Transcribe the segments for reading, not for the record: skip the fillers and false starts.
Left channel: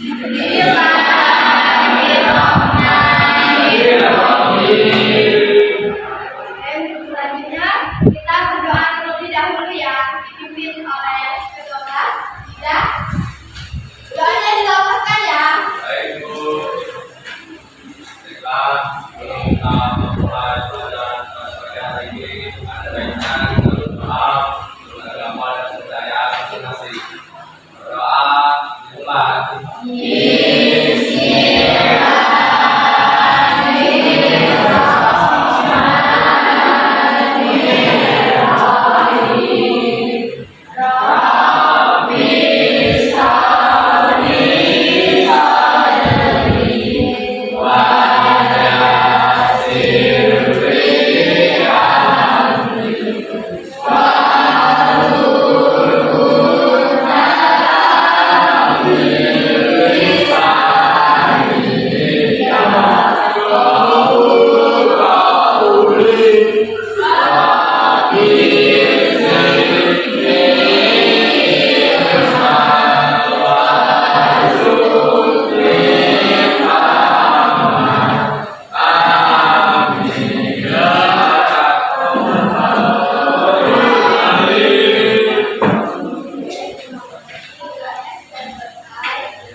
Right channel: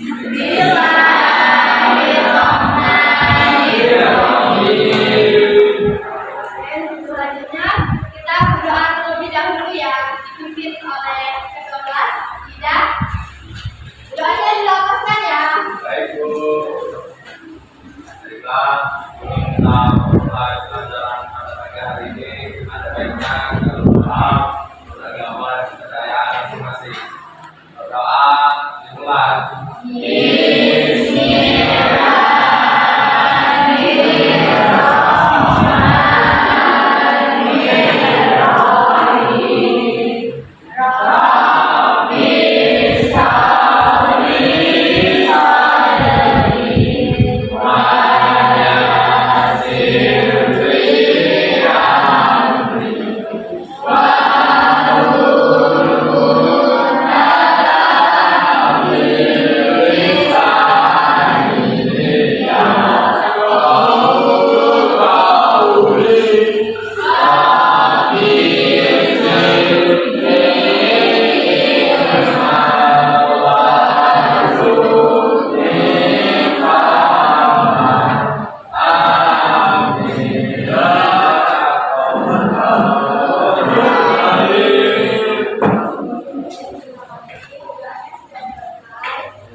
Selanjutnya kita berdoa terlebih dahulu ya, dipimpin oleh ketua kelas Ida. Doanya dilapaskan ya. Baik Bu. Baiklah, kita memulai pelajaran pagi hari ini. Ada baiknya kita berdoa untuk agama dan kepercayaan masing-masing. Berdoa dimulai.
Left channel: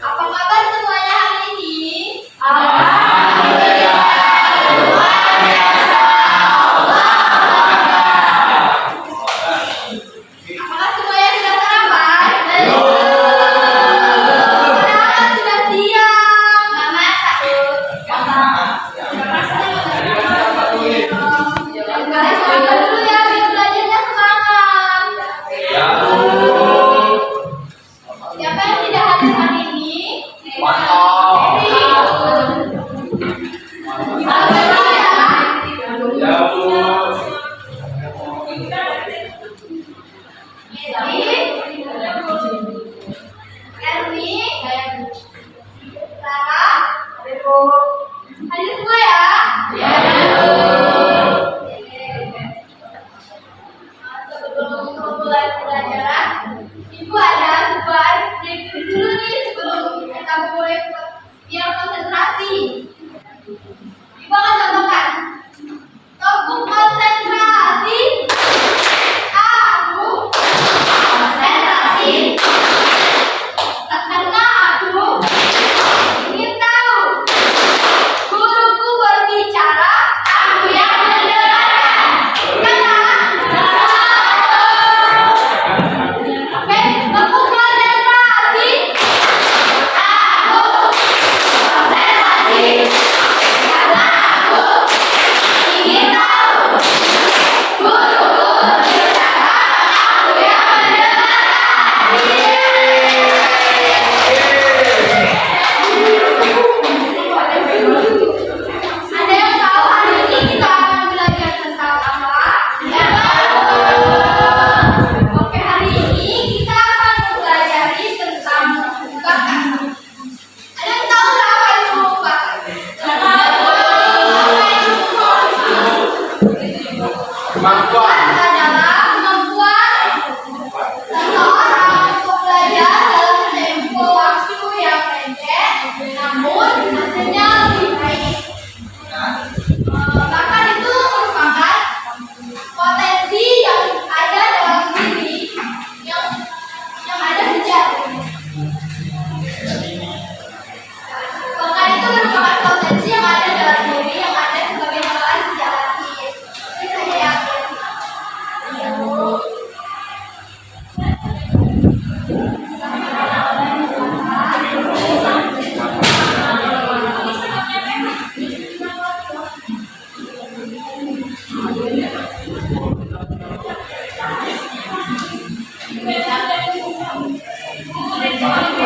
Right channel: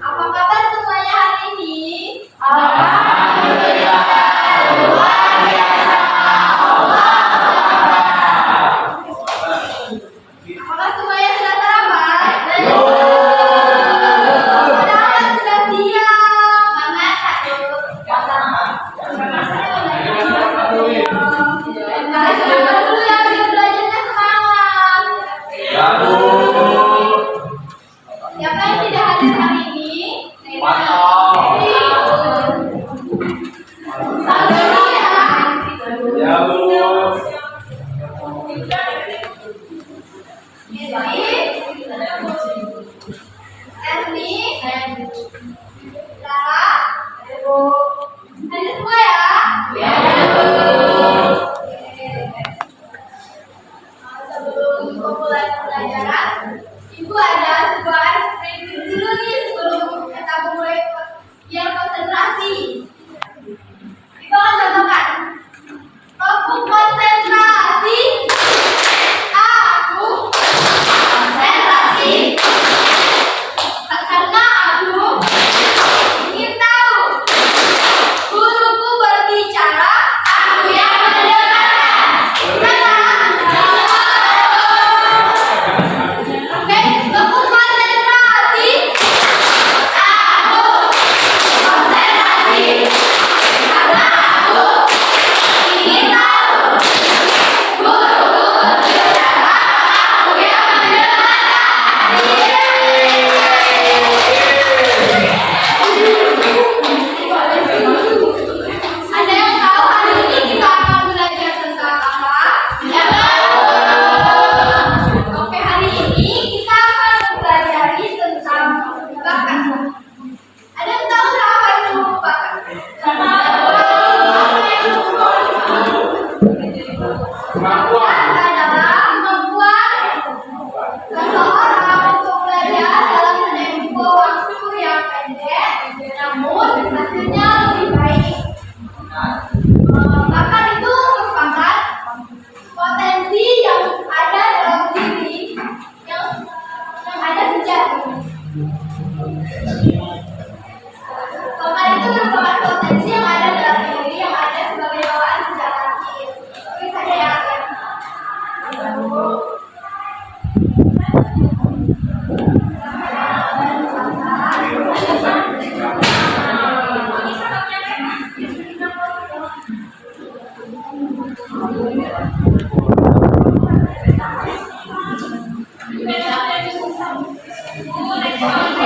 Apa kabar semuanya hari ini? Apakah semuanya sudah sarapan? Padahal sudah siang. Mama takut. Kalian sarapan dulu ya biar belajarnya semangat. Ya Bu. Siapa yang tidak hadir hari ini? Mantap. Sabar ya. Ya Bu. Erni, Sarah, hadir semua ya? Sebelum memulai pelajaran, Ibu ada sebuah review dulu nih sebelum kita memulai biar konsentrasi. Ibu akan contohkan. Topik konsentrasi. Aku konsentrasi. Karena aku ingin tahu. Guruku berbicara, aku yang mendengarkan. Oke, topik konsentrasi. Aku konsentrasi. Karena aku ingin tahu. Guruku berbicara, aku yang mendengarkan. Ada yang tahu hari ini kita akan belajar tentang apa? Ya. Oke, hari ini kita akan mempelajari tentang bakat. Ada yang tahu nggak apa itu bakat? Kemampuan. Bakat adalah kemampuan seseorang untuk belajar dalam tempo waktu yang pendek, namun hasilnya lebih baik. Bakat itu merupakan potensi yang ada dalam diri yang ada sejak. Bakat itu merupakan potensi yang ada dalam diri yang ada sebagai bawaan sejak lahir. Ini saja ya. Oke,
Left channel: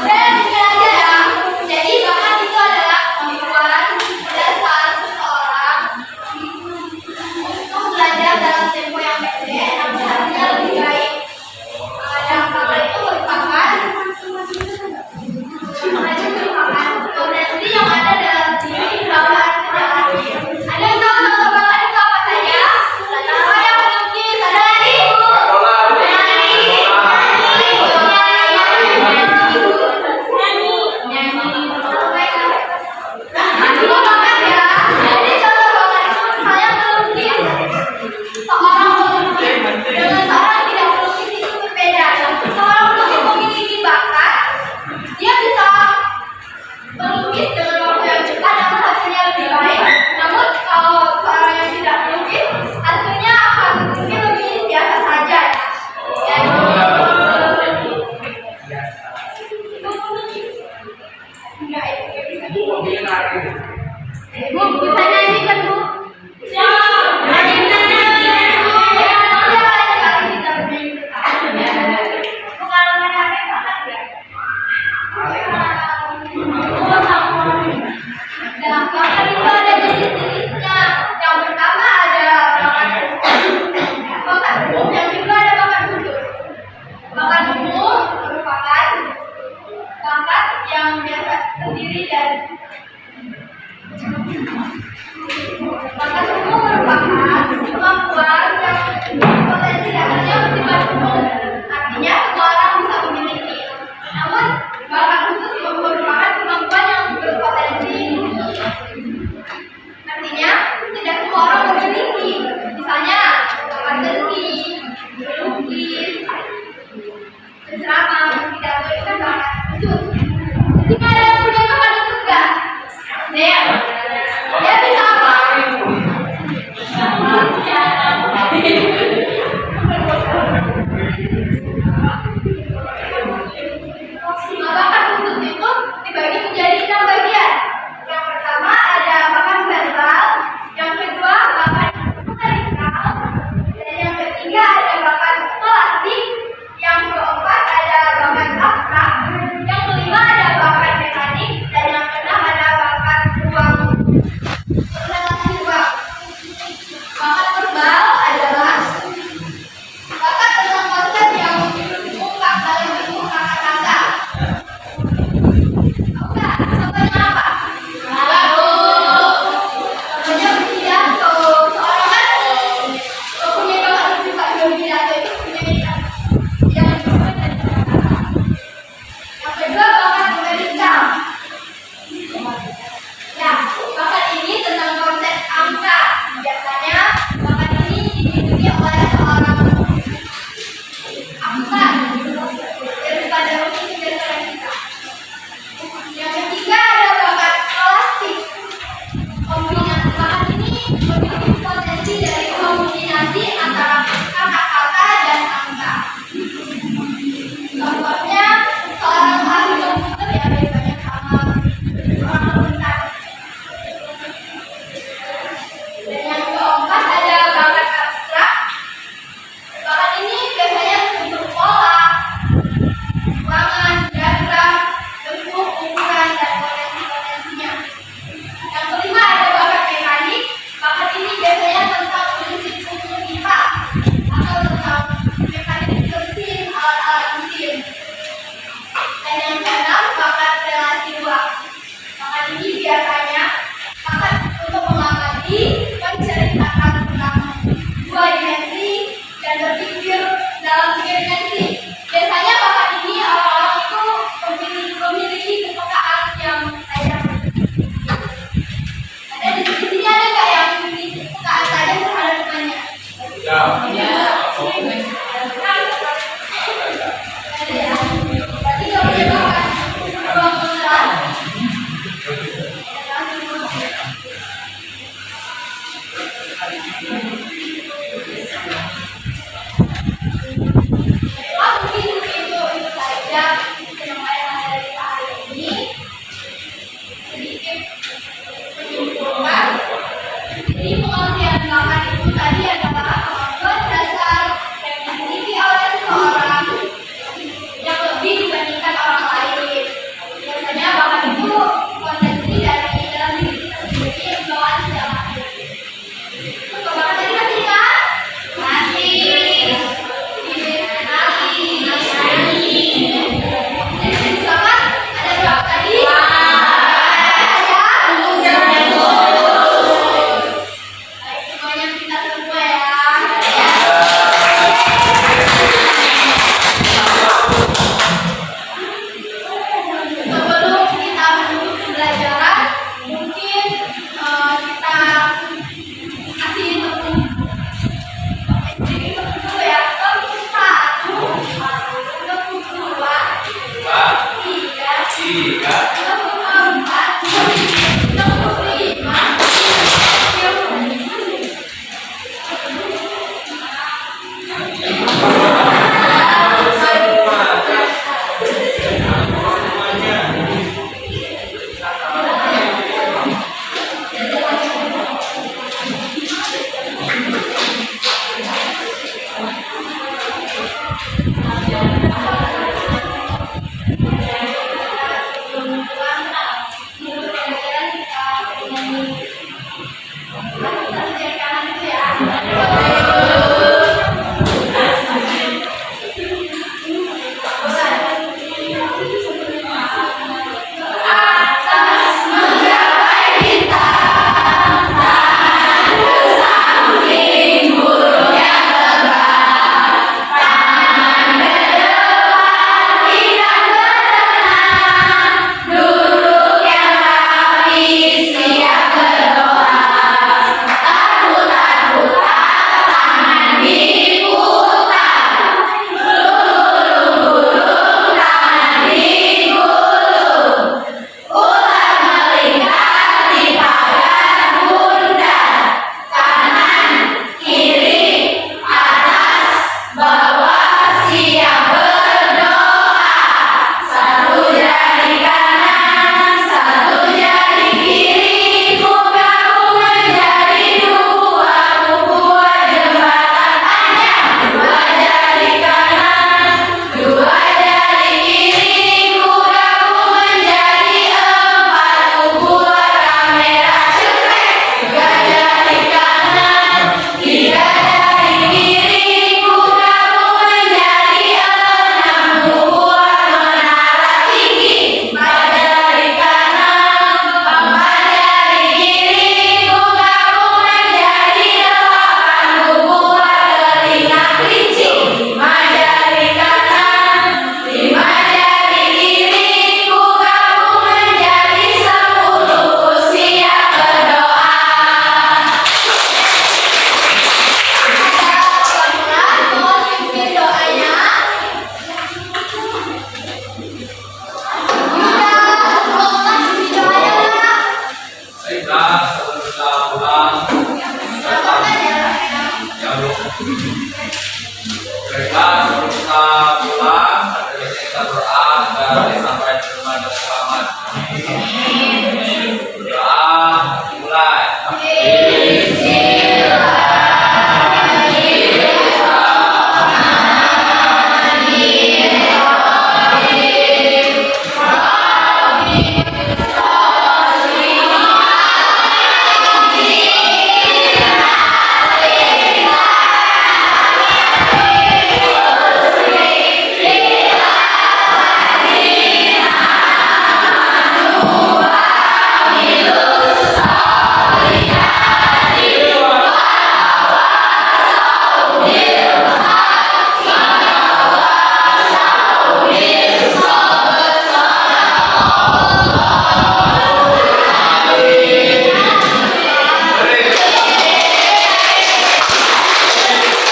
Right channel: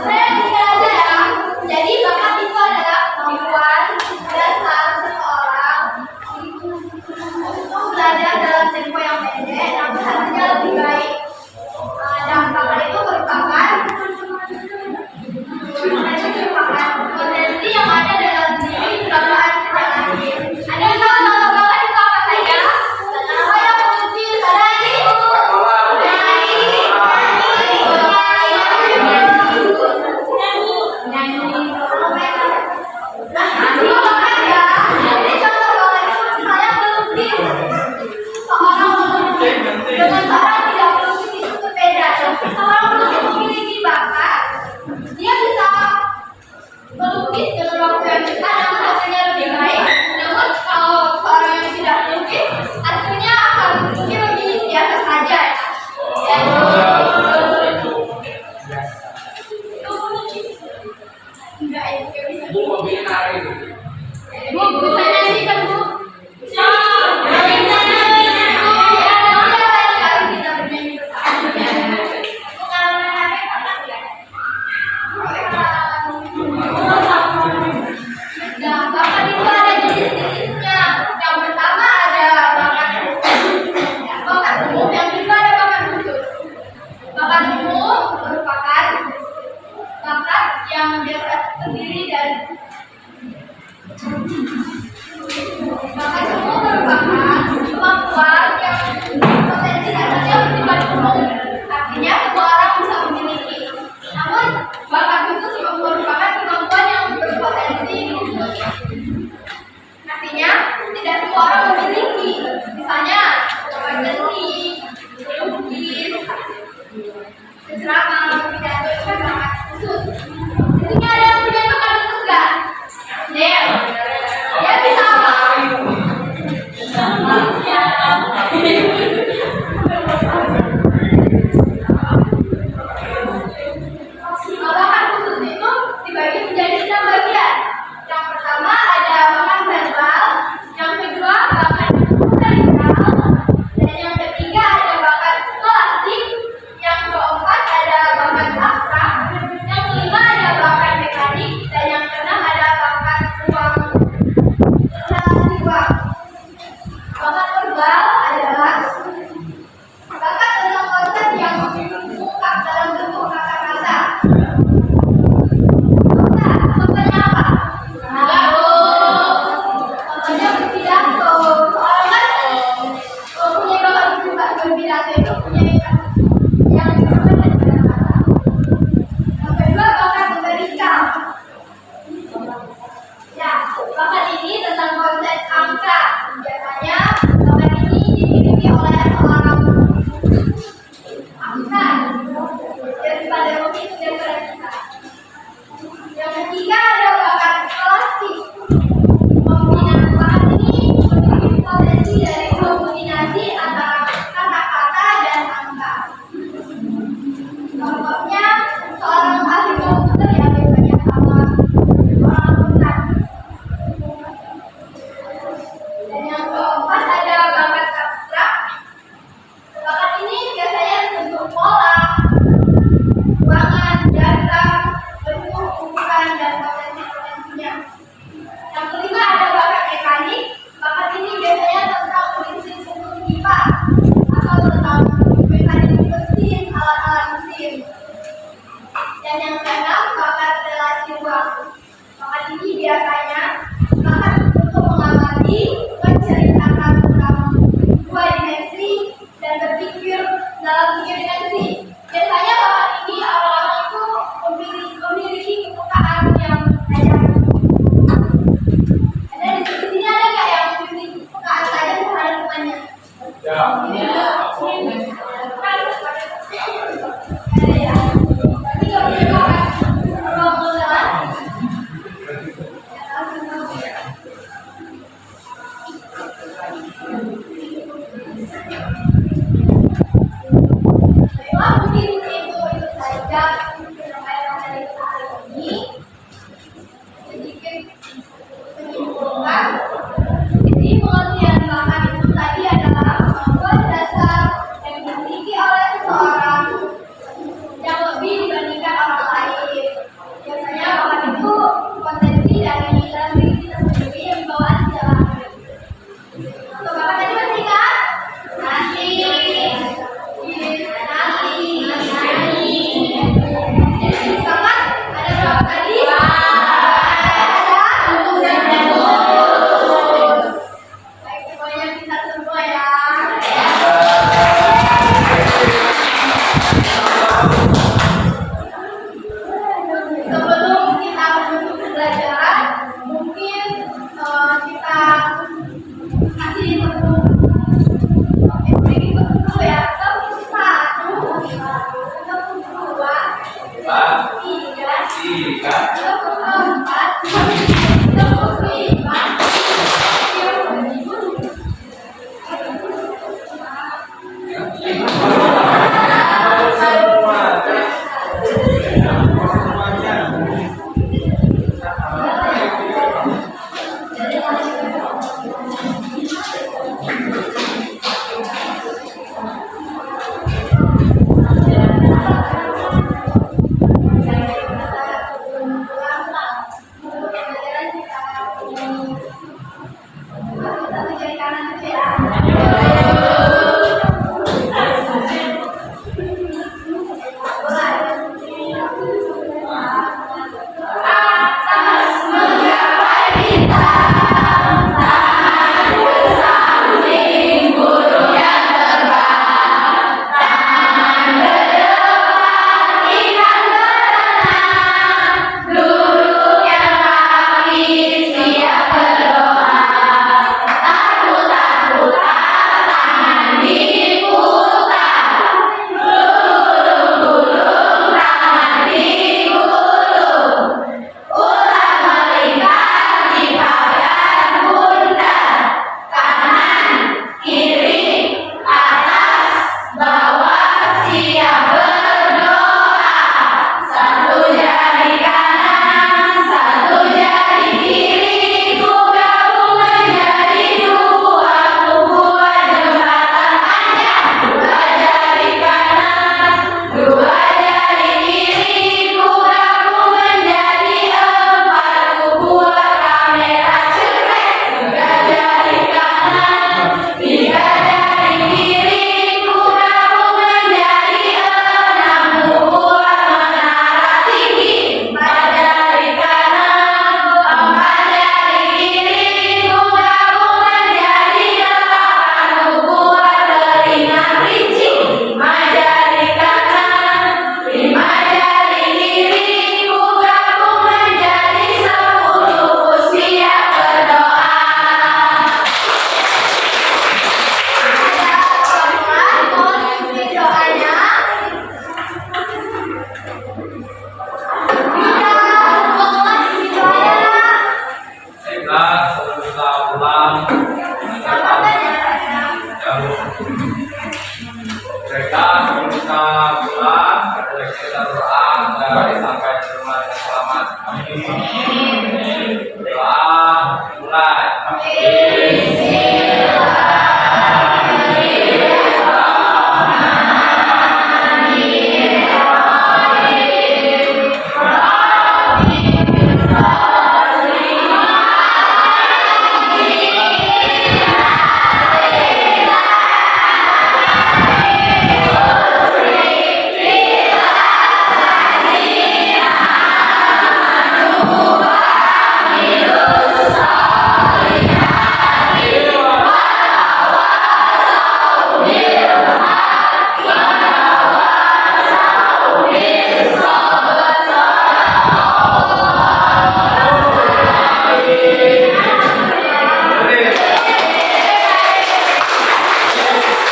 Saya tinggal aja ya. Jadi bakat itu adalah kemampuan dasar seseorang untuk belajar dalam tempo yang pendek namun hasilnya lebih baik. Dan bakat itu merupakan potensi yang ada dalam diri bawaan sejak lahir. Ada yang tahu contoh bakat itu apa saja? Pertama yang melukis, ada lagi? Melukis dengan waktu yang cepat namun hasilnya lebih baik. Namun kalau seorang yang tidak melukis, hasilnya akan mungkin lebih biasa saja ya. Itu melukis. Enggak, itu nggak bisa. Bu, mobilnya narik itu. Bu, bisa nyanyi kan Bu? Bisa. Kita bermain bersama. Bu, kalau main HP kapan ya? Nah, bakat itu ada jenis-jenisnya. Yang pertama ada bakat umum, yang kedua ada bakat khusus. Bakat umum merupakan bakat yang biasa terdiri dari bakat umum merupakan kemampuan yang potensi dasarnya bersifat umum. Artinya semua orang bisa memiliki. Namun bakat khusus merupakan kemampuan yang berpotensi khusus. Artinya tidak semua orang memiliki. Misalnya bakat seni, melukis, berceramah, pidato itu kan bakat khusus. Di sini ada yang punya bakat khusus nggak? Baiklah, sebelum kita pulang, ada baiknya kita berdoa agar sampai di rumah dengan selamat. Doa dimulai.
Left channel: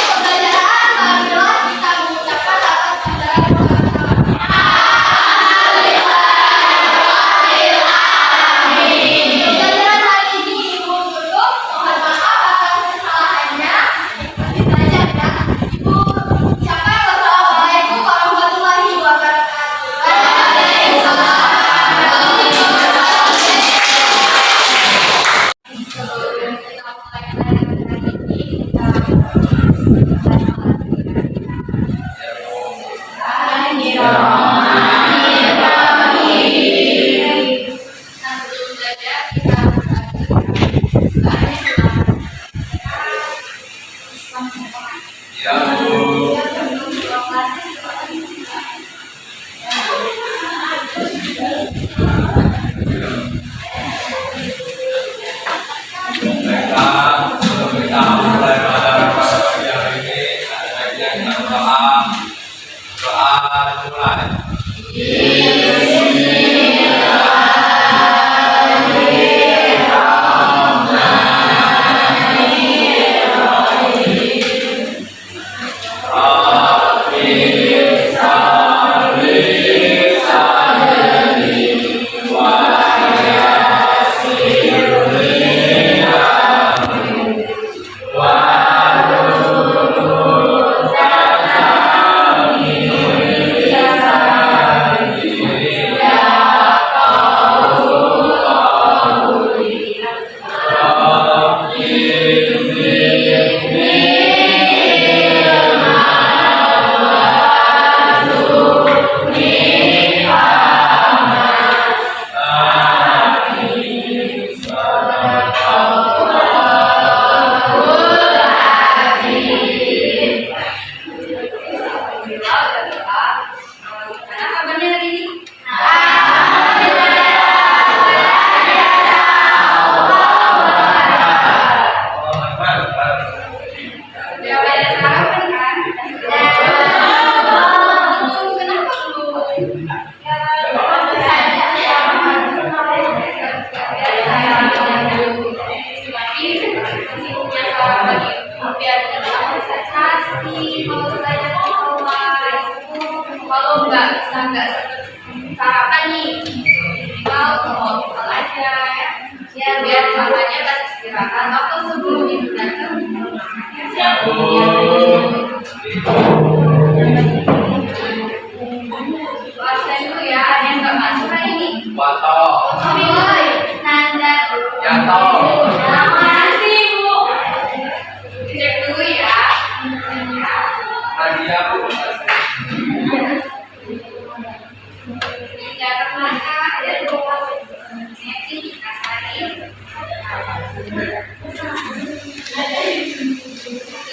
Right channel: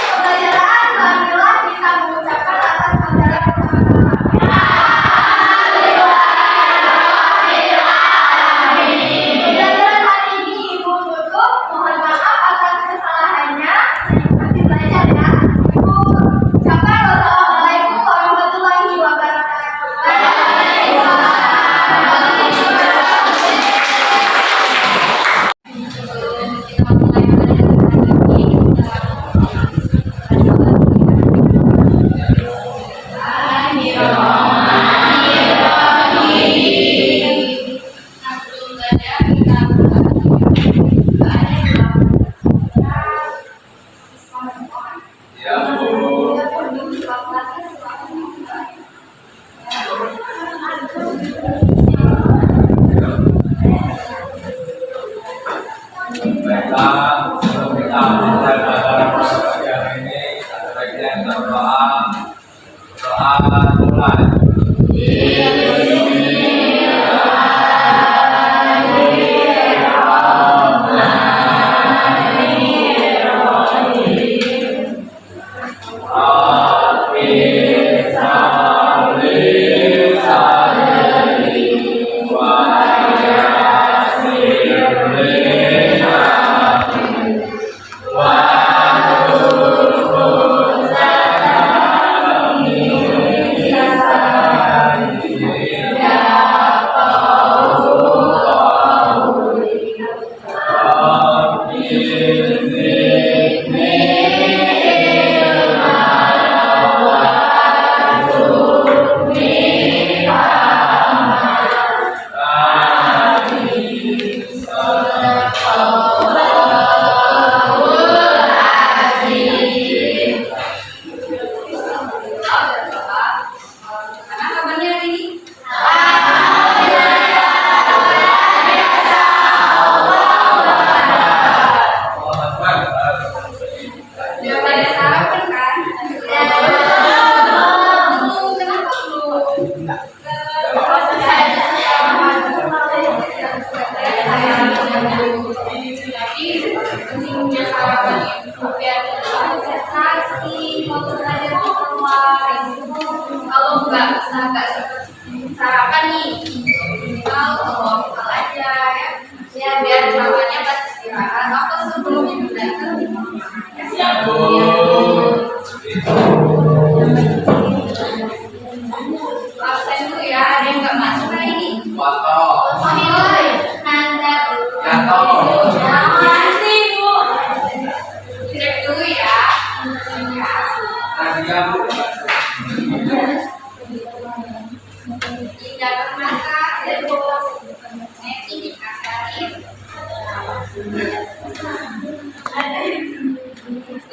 Pembelajaran marilah kita mengucapkan atas pembelajaran bersama-sama. Pembelajaran hari ini Ibu Guru mohon maaf atas kesalahannya. Masih belajar ya. Ibu ucapkan wassalamualaikum warahmatullahi wabarakatuh. Sebelum kita mulai pelajaran hari ini, kita Ya, Bu. Baiklah, sebelum kita mulai pelajaran pada pagi hari ini, ada baiknya kita berdoa. Doa dimulai. Gimana kabarnya hari ini? Udah pada sarapan kan? Belum. Kenapa belum? Tapi pentingnya sarapan itu biar kita konsentrasi mau belajar di kelas. Kalau nggak seperti sarapan nih, minimal kalau bekal aja ya. Biar makannya pas istirahat atau sebelum ibu datang. Absen dulu ya, ada yang nggak masuk hari ini. Wanto. Oi, Nanda. Yanto. Makasih Bu. Cek dulu ya. Nadia, Bu. Tidak termaka dan Neti Asari.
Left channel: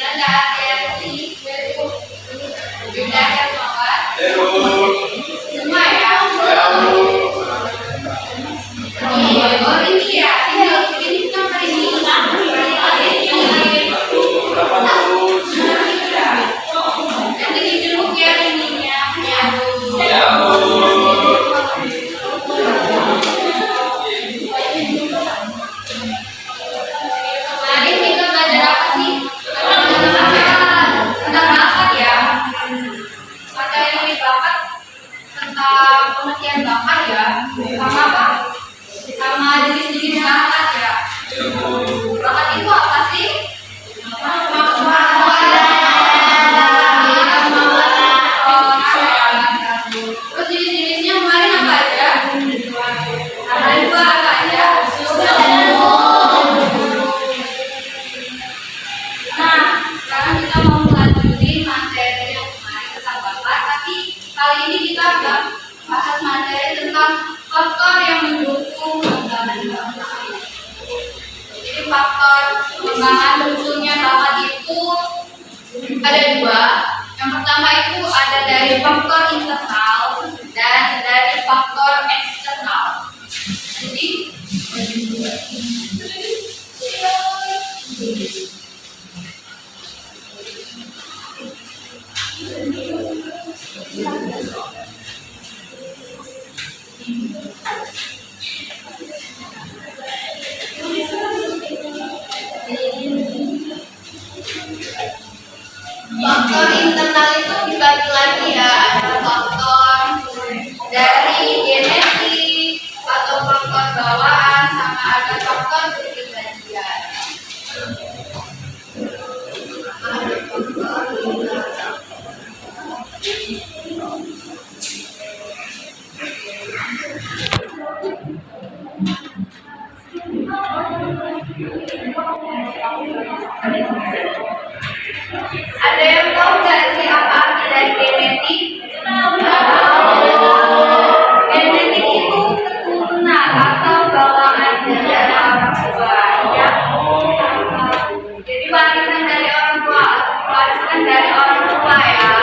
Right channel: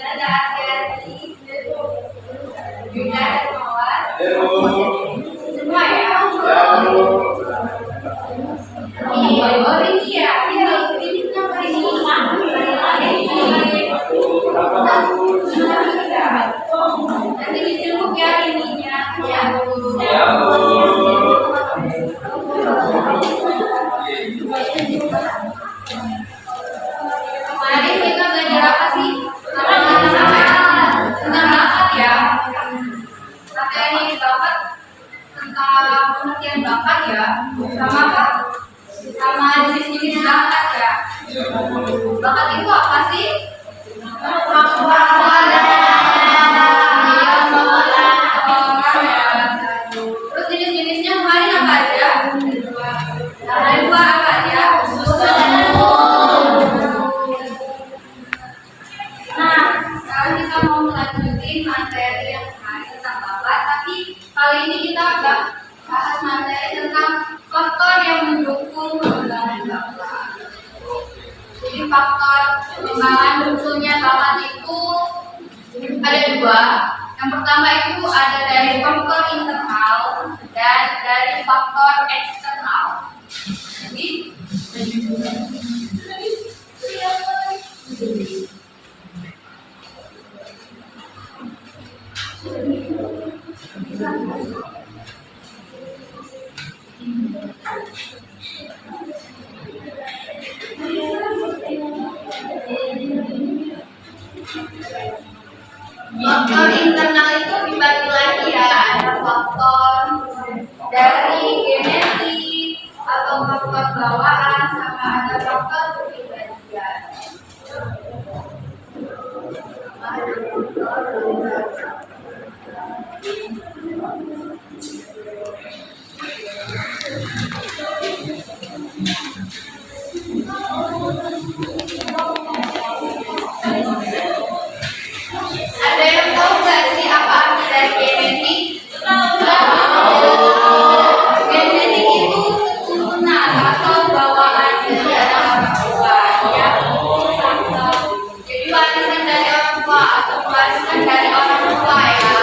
Ada Hati. Juga Hermawan. Halo. Semua ya. Ya, Bu. Iya, ini ya. Ini nomor ini. Nanti di kita bahas materi tentang faktor yang mendukung pengembangan bakat. Jadi faktor pengembangan munculnya bakat itu ada dua. Yang pertama itu ada dari faktor internal dan dari faktor eksternal. Jadi faktor internal itu dibagi lagi ya, ada faktor dari genetik atau faktor bawaan sama ada faktor kepribadian. Ada yang tahu nggak sih apa arti dari genetik? Genetik itu keturunan atau bawaan dari orang tua ya. Jadi warisan dari orang tua atau warisan dari orang tua ya.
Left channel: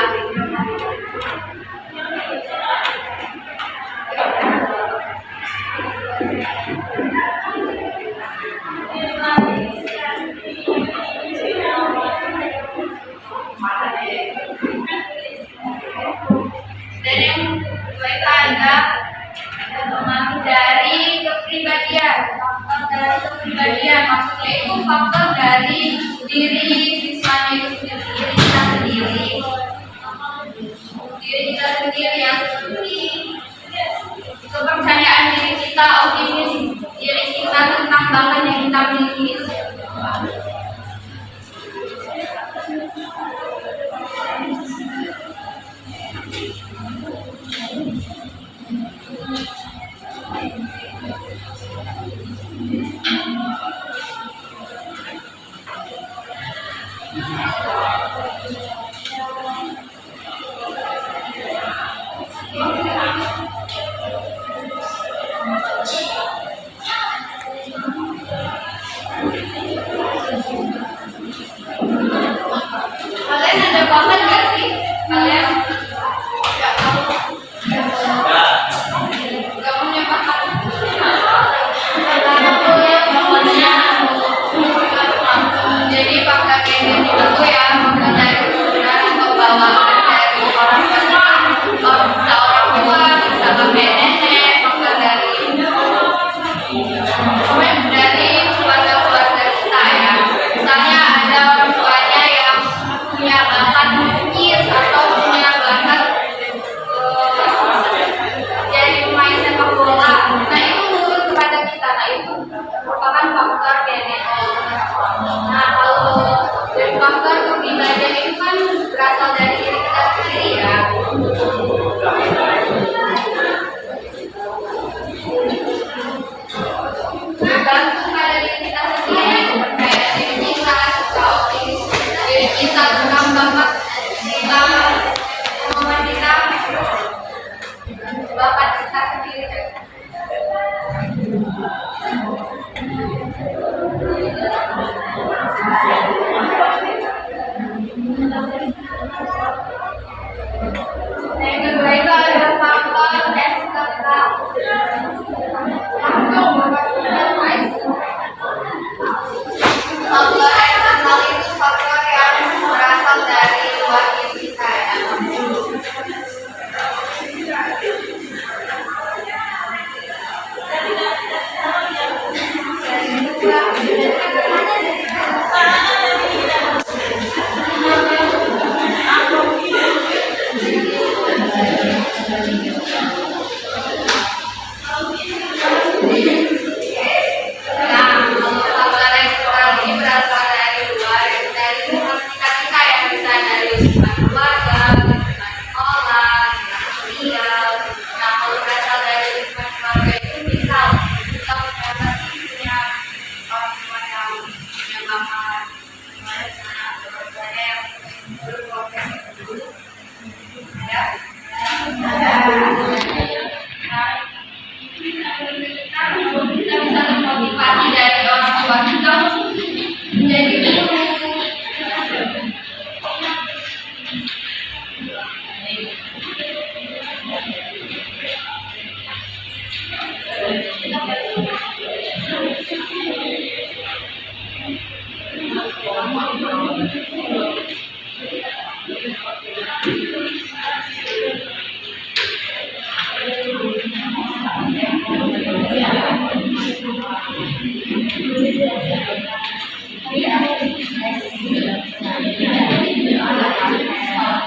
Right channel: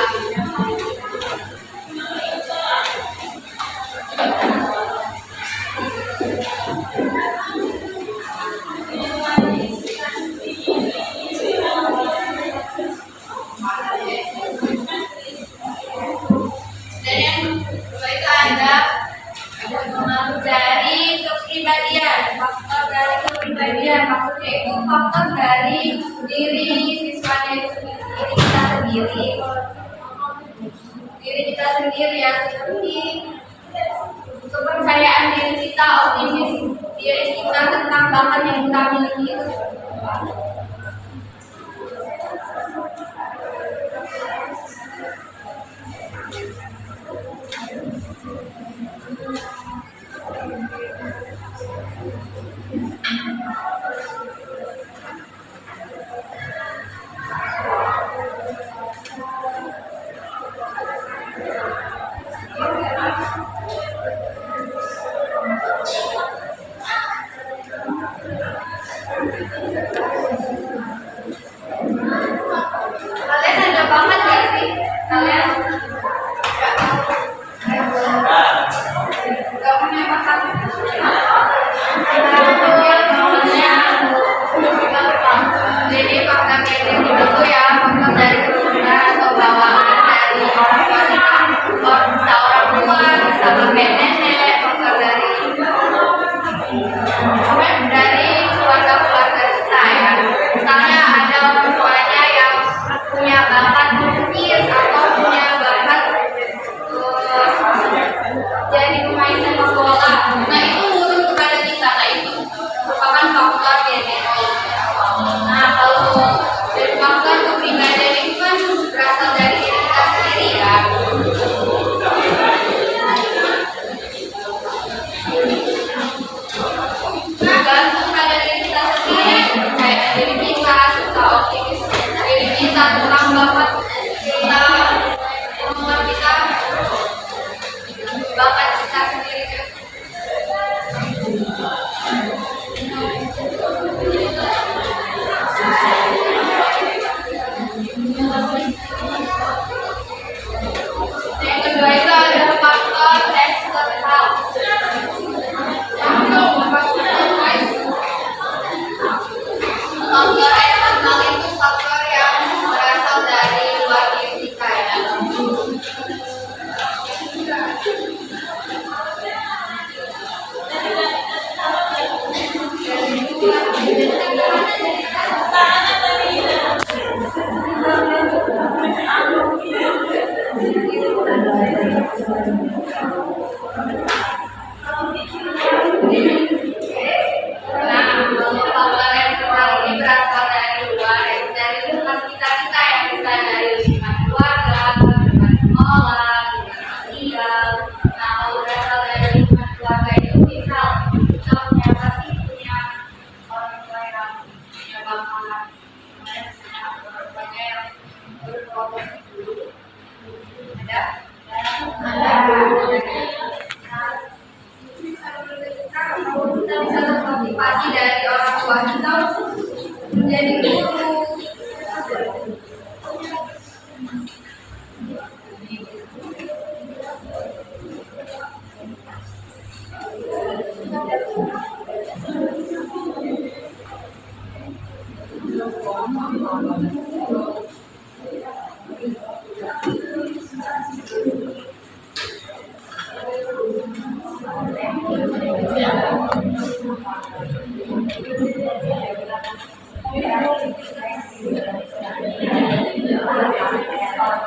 Dan yang kedua itu ada pengaruh dari kepribadian, faktor dari kepribadian maksudnya itu faktor dari diri siswanya itu sendiri, diri kita sendiri yang seperti kepercayaan diri kita, optimis diri kita tentang bakat yang kita miliki itu seperti apa.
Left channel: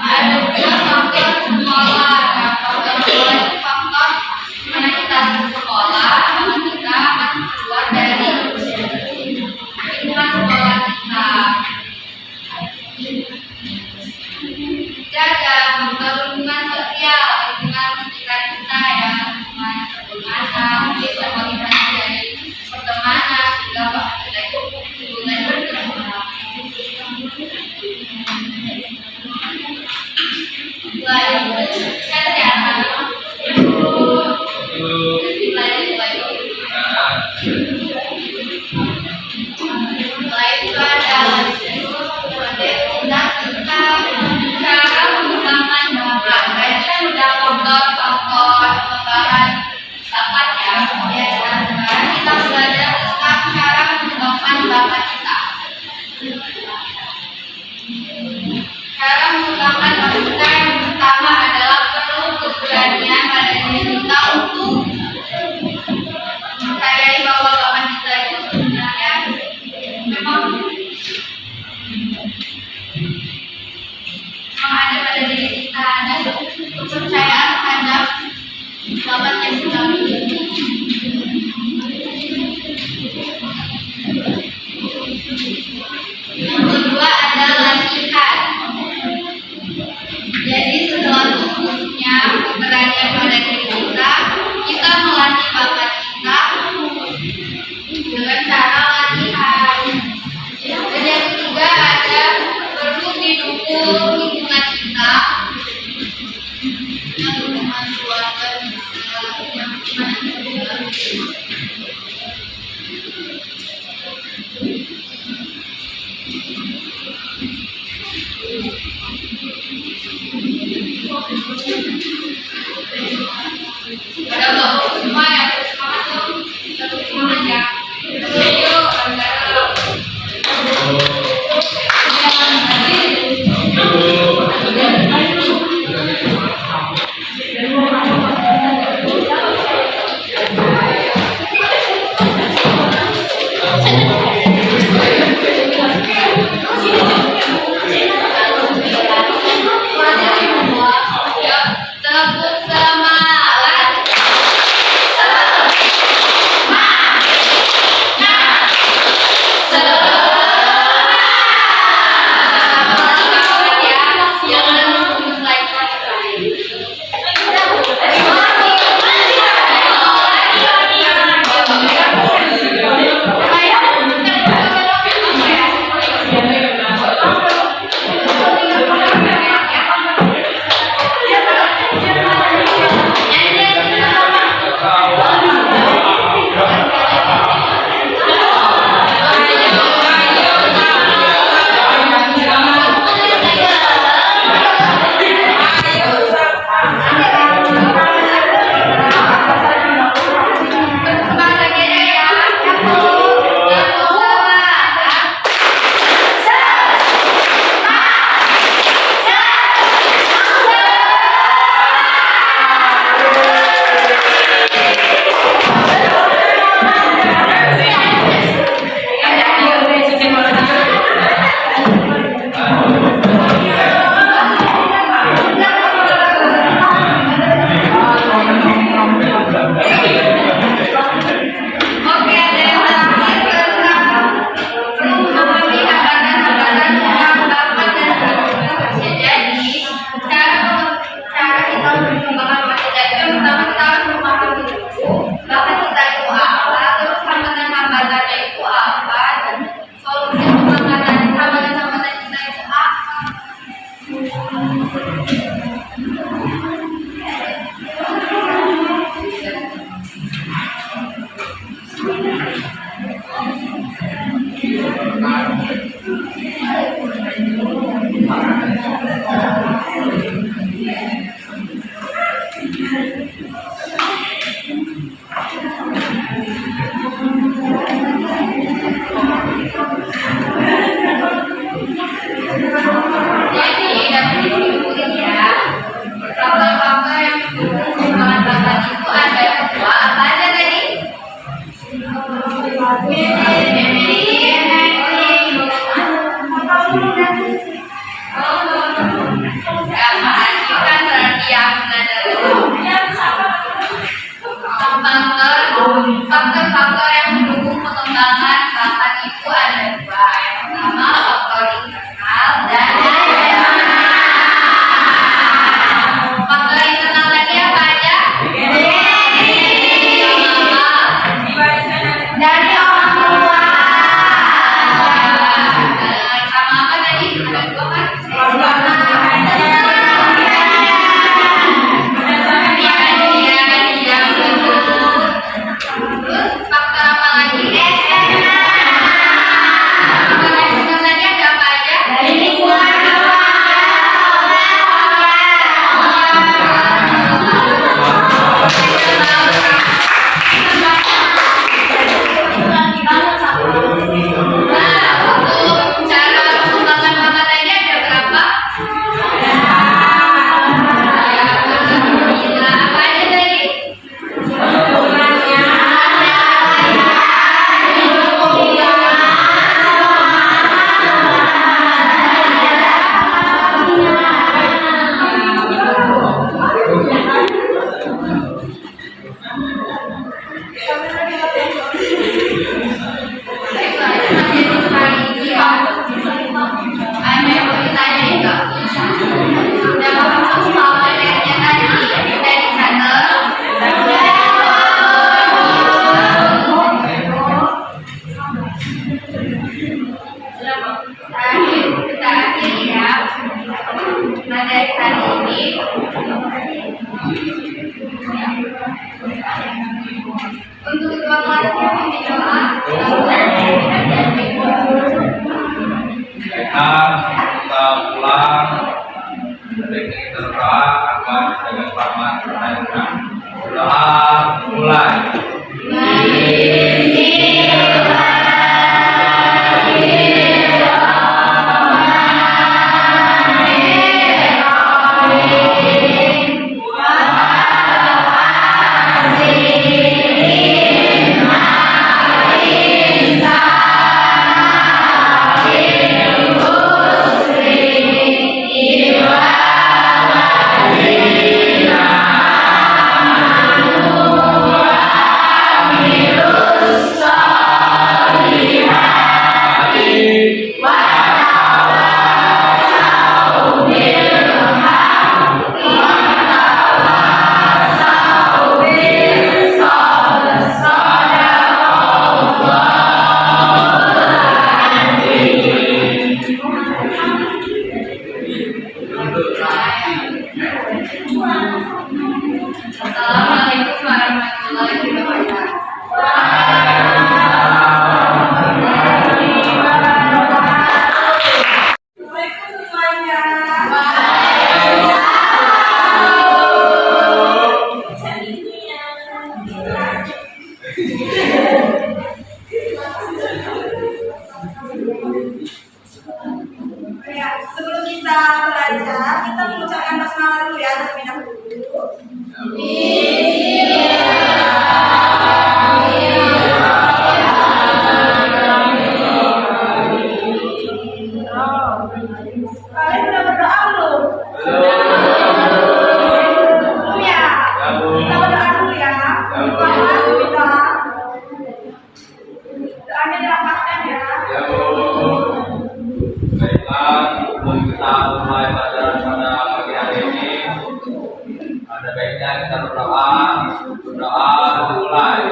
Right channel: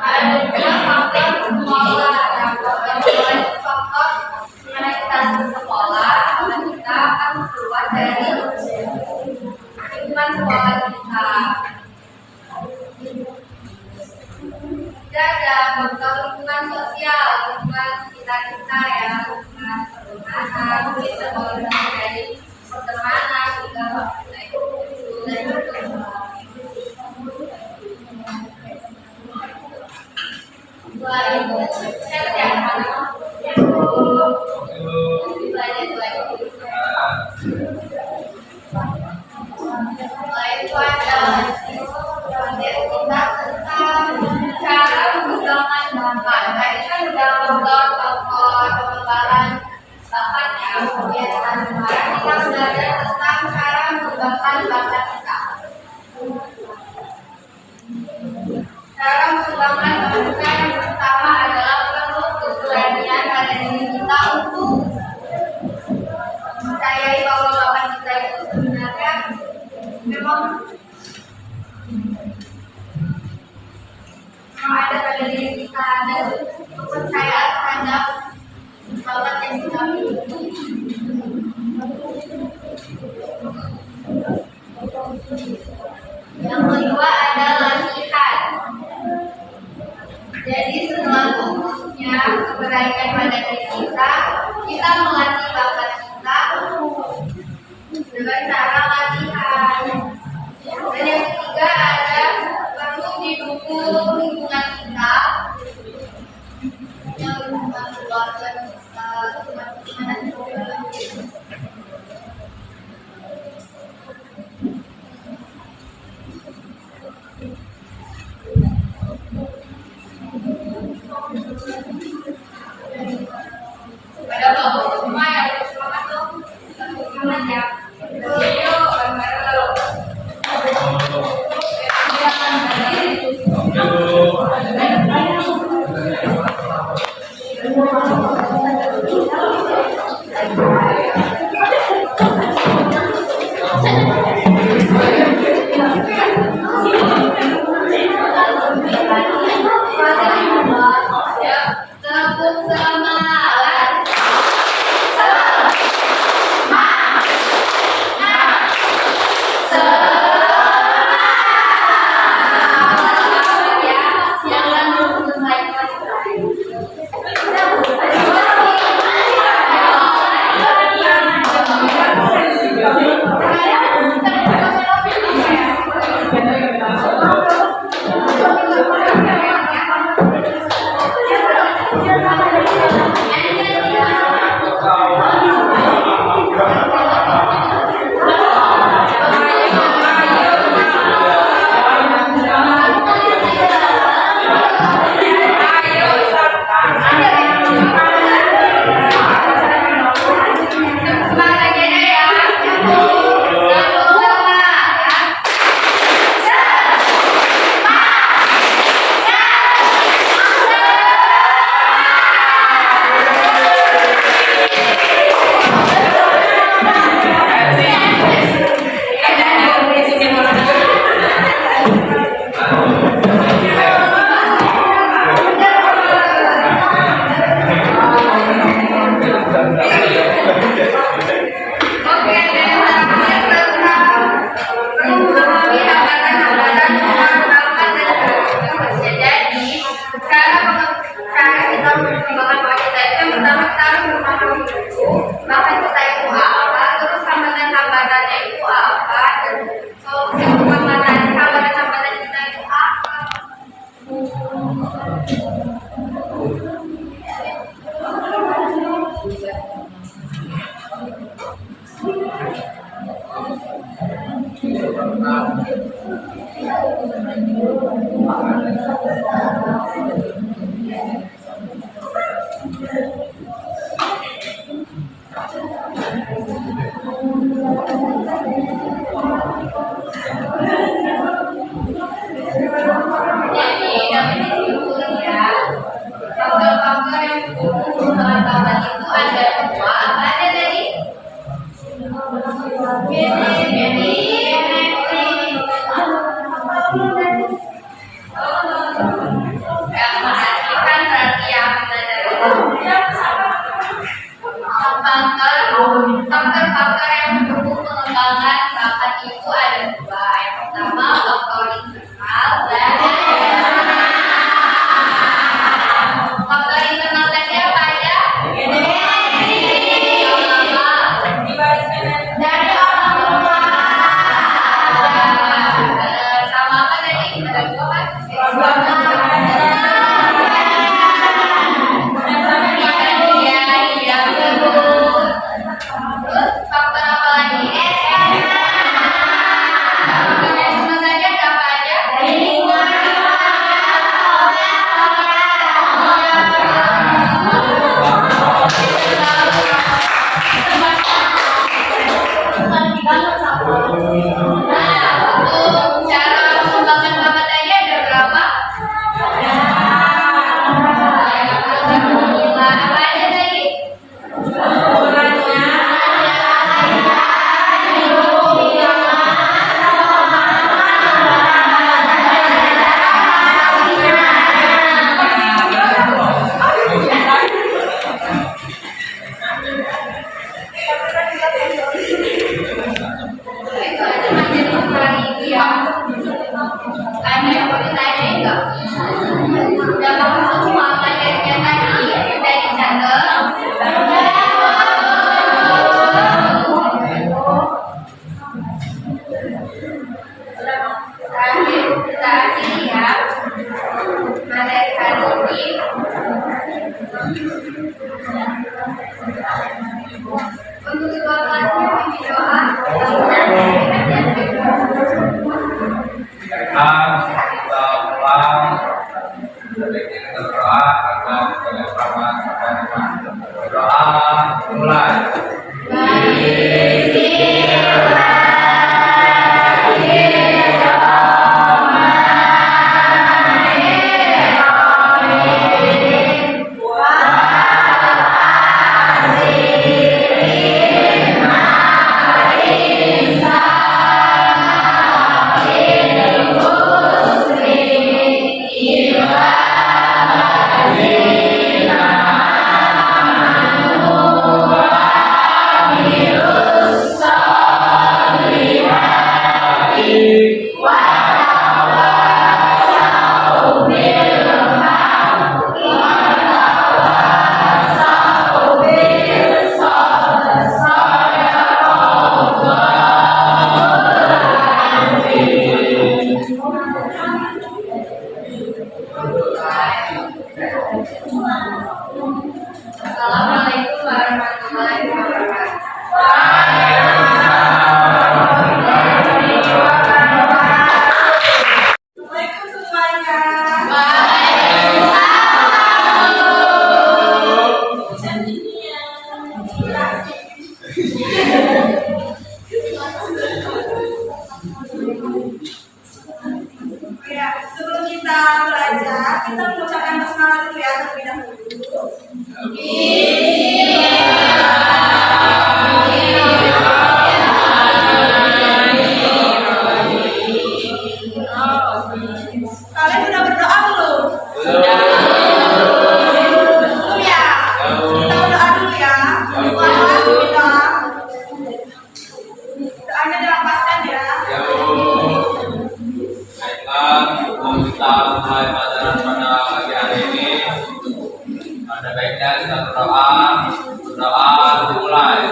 Ada faktor sekolah. Nah, faktor sekolah itu faktor mana kita sekolah, mana kita akan keluar dari lingkungan sekolah kita. Juga ada faktor lingkungan sosial, lingkungan sekitar kita ya, lingkungan pertemanan, kita bagaimana dari pertemanan juga kita itu mulai bertemu. Cara mengembangkan bakat kita yang pertama adalah perlu keberanian pada diri kita untuk mempercayai bahwa bakat kita itu sebenarnya memang ada pada diri kita, dan kepercayaan terhadap bakat yang kita miliki. Yang kedua adalah latihan. Jadi setelah tumbuhnya keberanian pada diri kita, kita melatih bakat kita dengan cara latihan. Dan yang ketiga ada perlu didukung lingkungan kita, yang lingkungan keluarga kita, yang mana juga. Ada bapak semua ya, semangat dong, tetap semangat ya. Yuk, bareng-bareng. Ya, tepuk semangat. Faktor-faktor yang mendukung pengembangan bakat itu ada dua. Yang pertama faktor internal dan faktor internal tadi apa aja? Dari orang tua. Sama apa tadi? Ada dua kan? Terus faktor apa lagi? Faktor eksternal tadi ada apa aja? Dari lingkungan. Cara mengembangkan bakat tadi ada berapa? Apa aja tadi? Untuk kedua kelasnya ini doa. Kita pulang, sebaiknya kita berdoa agar jaga selamat dan aman. Doa mulai. Assalamualaikum warahmatullahi wabarakatuh. Ya, sebelum kita belajar, kita mengucapkan basmalah dulu ya terlebih dahulu. Kalian sudah berdoa belum? Belum ya? Kita berdoa dulu ya. Tuhan, kita doanya dilapaskan ya. Baiklah, sebelum kita mulai pelajaran pada pagi hari ini, ada baiknya kita berdoa. Berdoa dimulai.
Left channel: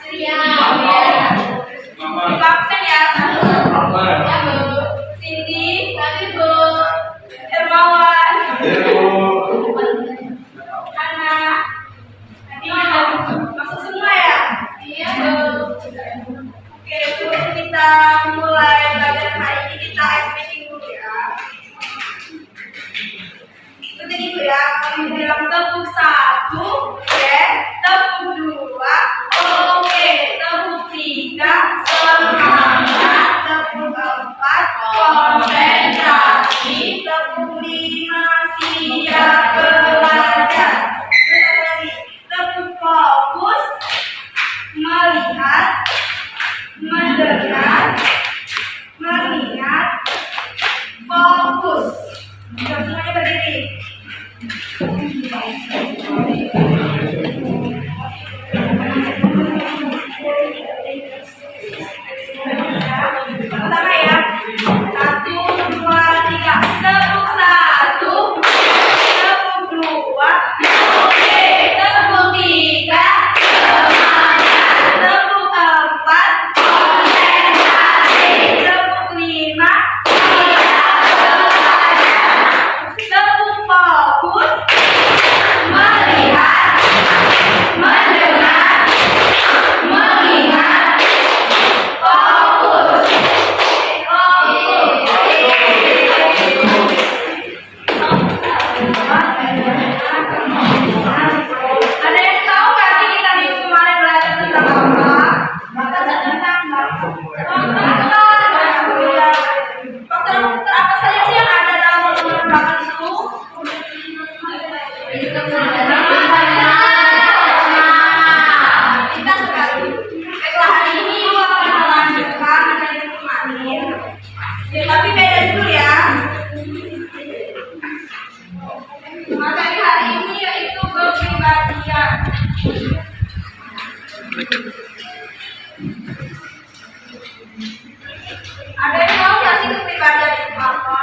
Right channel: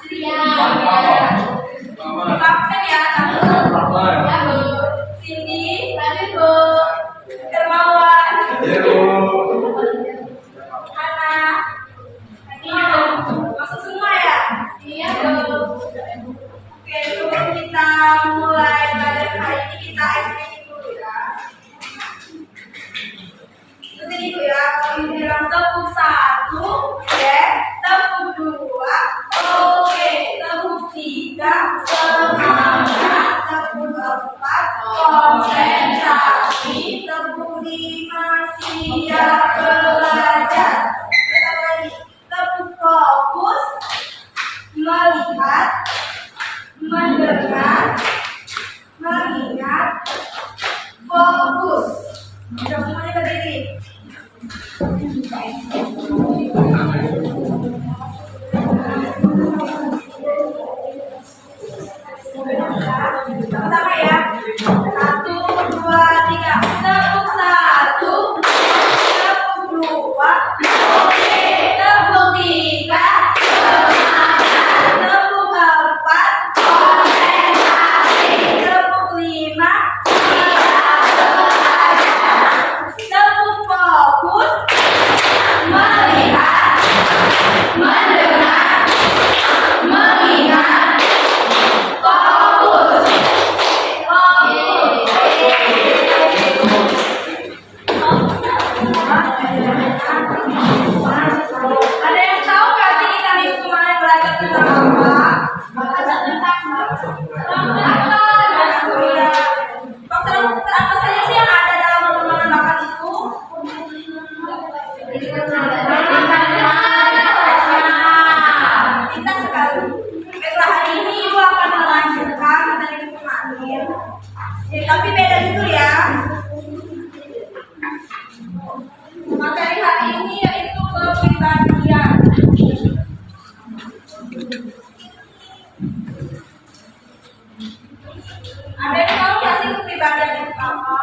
Ceria. Absen ya, satu. Ya, Bu. Cindy, Tadi, Bu. Hermawan, Hana. Nanti masuk semua ya. Iya, Bu. Oke, sebelum kita mulai belajar hari ini, kita ice making dulu ya. Ikutin ibu ya, kalau ibu bilang tepuk 1, yes. Tepuk 2, oke. Tepuk 3, semangat. Tepuk 4, konsentrasi. Tepuk 5, siap belajar. Terus apa lagi? Tepuk fokus, melihat, mendengar, mengingat, fokus. Jom semuanya berdiri. Pertama ya. 1, 2, 3. Tepuk 1, tepuk 2, oke. Tepuk 3, semangat. Tepuk 4, konsentrasi. Tepuk 5, tepuk fokus, melihat, mendengar, mengingat, fokus. Ada yang tahu nggak sih kita minggu kemarin belajar tentang apa? Faktor apa saja sih yang ada dalam pertemuan bakat itu? Kita sekali. Baiklah, hari ini Ibu akan melanjutkan dari minggu kemarin. Tapi beda judul ya. Materi hari ini yaitu kepribadian. Ada yang tahu nggak sih kepribadian itu apa?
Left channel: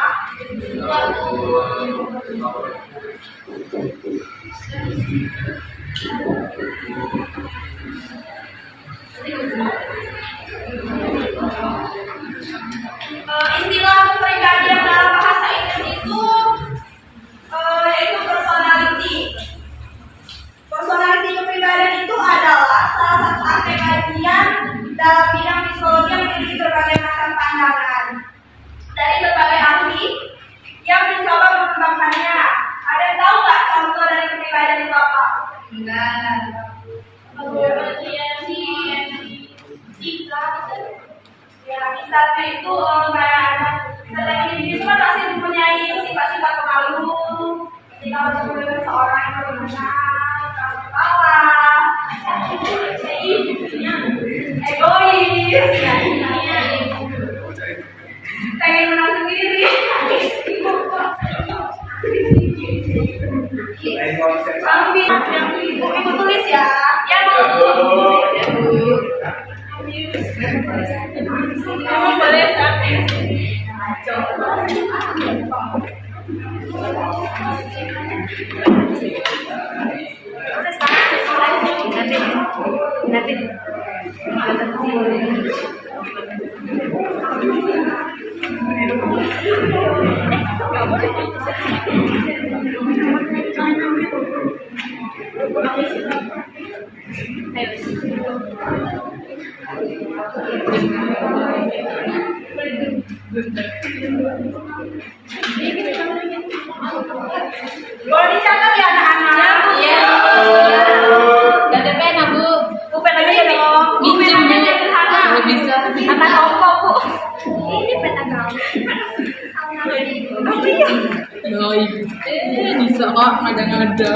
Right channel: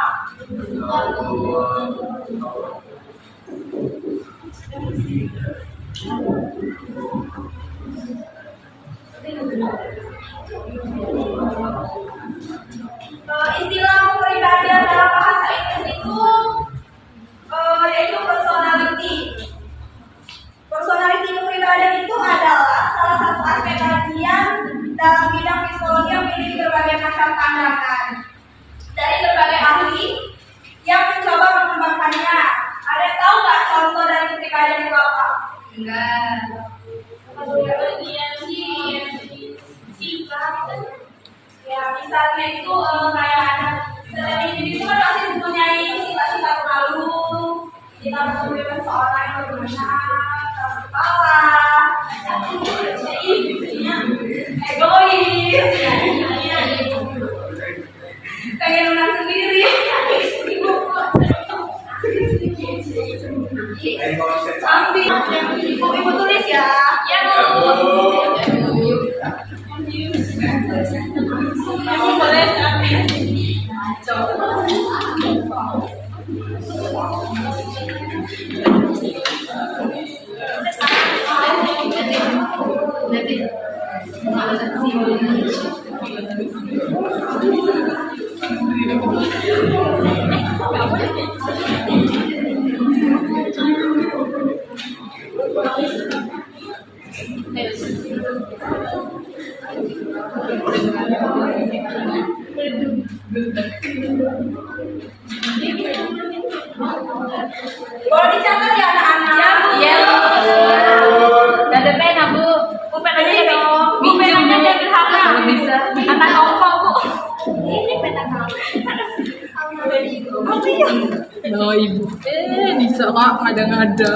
Istilah kepribadian dalam bahasa Inggris itu yaitu personality. Personality kepribadian itu adalah salah satu aspek kajian dalam bidang psikologi yang memiliki berbagai macam pandangan dari berbagai ahli yang mencoba mengembangkannya. Ada yang tahu nggak contoh dari kepribadian itu apa? Enggak. Ya, misalnya itu kayak ada setiap individu itu kan pasti mempunyai sifat-sifat pemalu. Ketika bertemu dengan seorang yang bagaimana, keras kepala, egois, pengen menang sendiri. Ambil ibu tulis ya. Ya, Bu. Ya, Bu. Kamu boleh sambil. Nanti. Boleh dicatat ya anak-anak? Iya, Bu. Ada pena, Bu. Pulpen aja dong. Minjem, Bu. Penanya sederhana. Kalau bisa. Anak kelompok, Bu. Ini peta kamu. Ya, Ibu. Bisa kok ngada-ngada.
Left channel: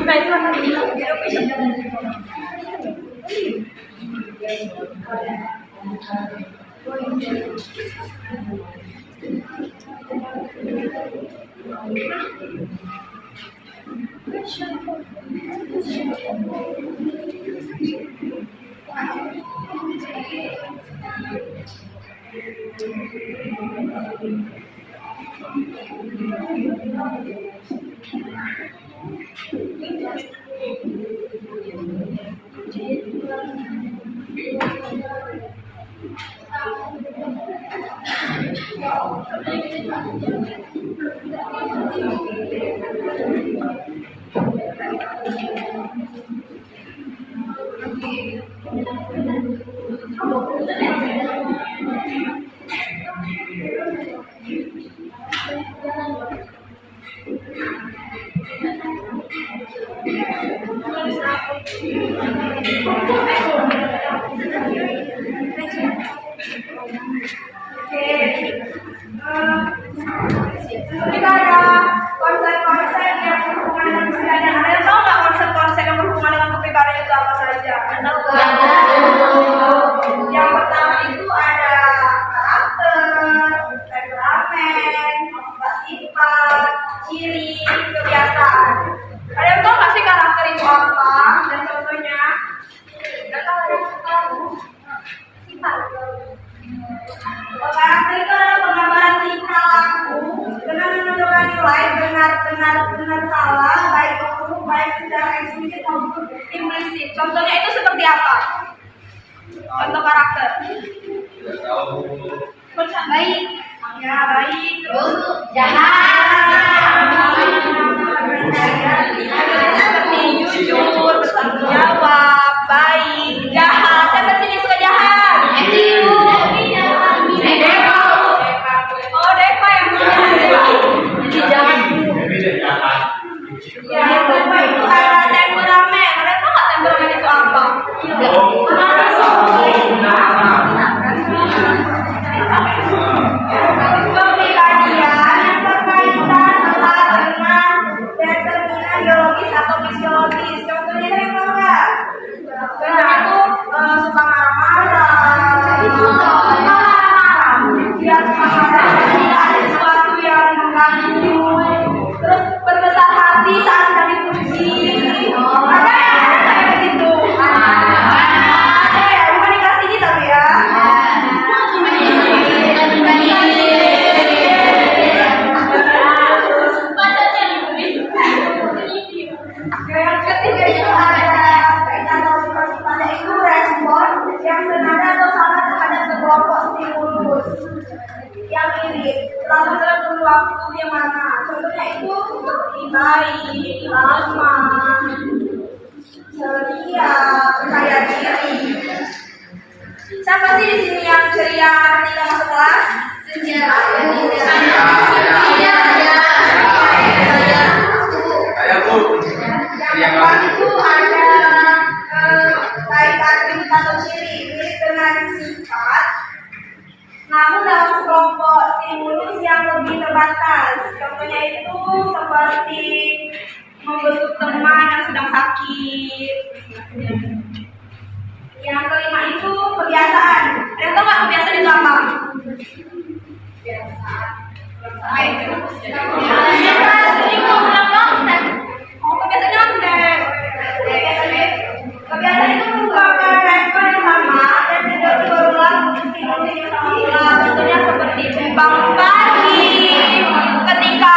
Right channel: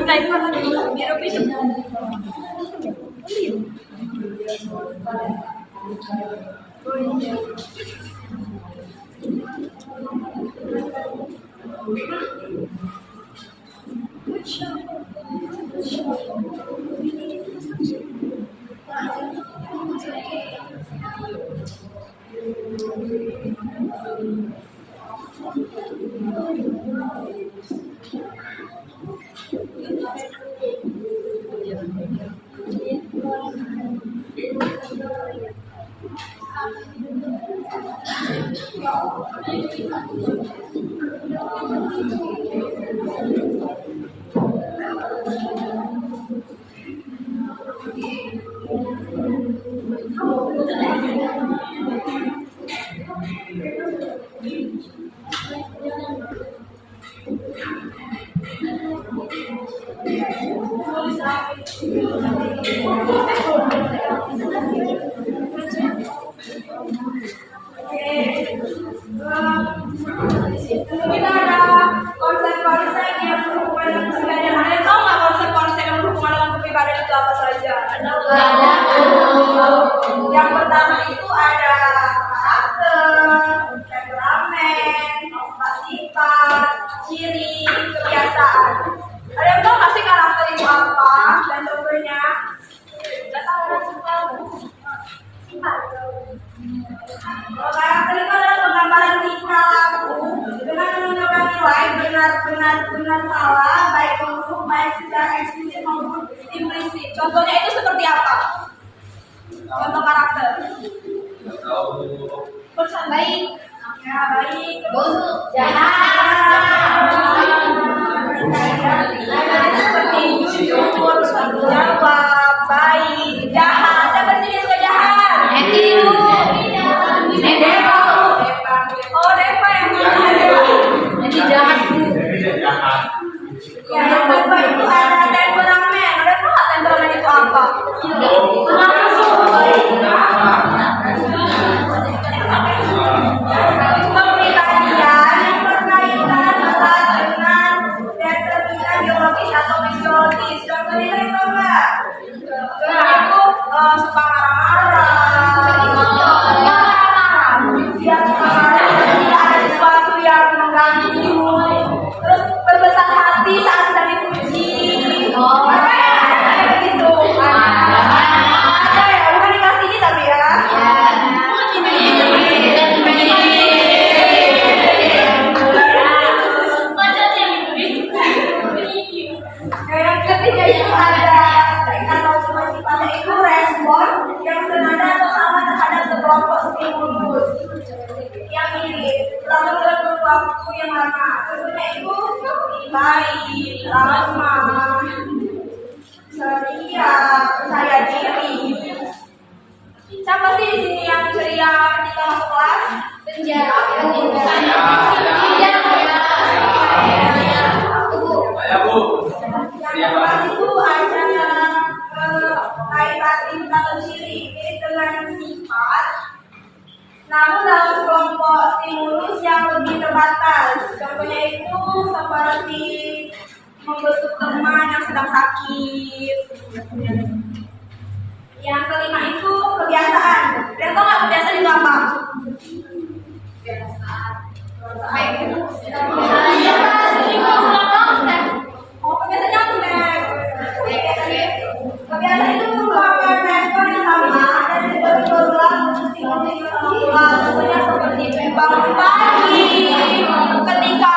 Nah, itu kan di Eropa. Kita ada konsep-konsep yang berhubungan dengan kepribadian. Ada yang tahu nggak konsep-konsep yang berhubungan dengan kepribadian itu apa saja? Yang pertama itu ada karakter, temperamen, sifat, ciri, kebiasaan. Ada yang tahu nggak sih karakter itu apa dan contohnya? Udah tahu ada sifat. Karakter itu adalah penggambaran tingkah laku dengan menentukan nilai benar salah, baik buruk, baik secara eksplisit maupun implisit. Contohnya itu seperti apa? Contoh karakter. Tidak tahu. Baik. Ya, baik. Terus Jahat. seperti jujur, bertanggung jawab, baik, jahat. Siapa sih yang suka jahat? Oh, Deva yang jahat. Ya, yang kedua itu ada temperamen. Ada tahu nggak temperamen itu apa? Kepribadian yang berkaitan erat dengan determinan biologis atau fisiologis. Contohnya dari apa? Contohnya itu suka marah-marah. Dia suka marah-marah jika ada sesuatu yang mengganggu. Terus berbesar hati saat sedang dipuji. Apa ya? Ada nggak kayak gitu? Ada ya? Bukan dikasih ini tapi ya. Yang ketiga itu ada atau sifat-sifatnya itu respon yang senada atau sama terhadap sekelompok stimulus yang mirip dalam kurun waktu yang lama. Contohnya itu baik, ramah, ceria, percaya diri. Siapa sih di sini yang ceria ketika masuk kelas? Saya Bu. Yang keempat itu ada kaitan atau ciri mirip dengan sifat, namun dalam kelompok stimulus yang lebih terbatas. Contohnya itu seperti membesuk teman yang sedang sakit. Yang kelima itu kebiasaan. Ada yang tahu nggak kebiasaan itu apa? Oh, kebiasaan nyontek. Kebiasaan itu merupakan respon yang sama dan tidak berulang untuk stimulus yang sama ulang. Contohnya seperti bangun pagi, ketika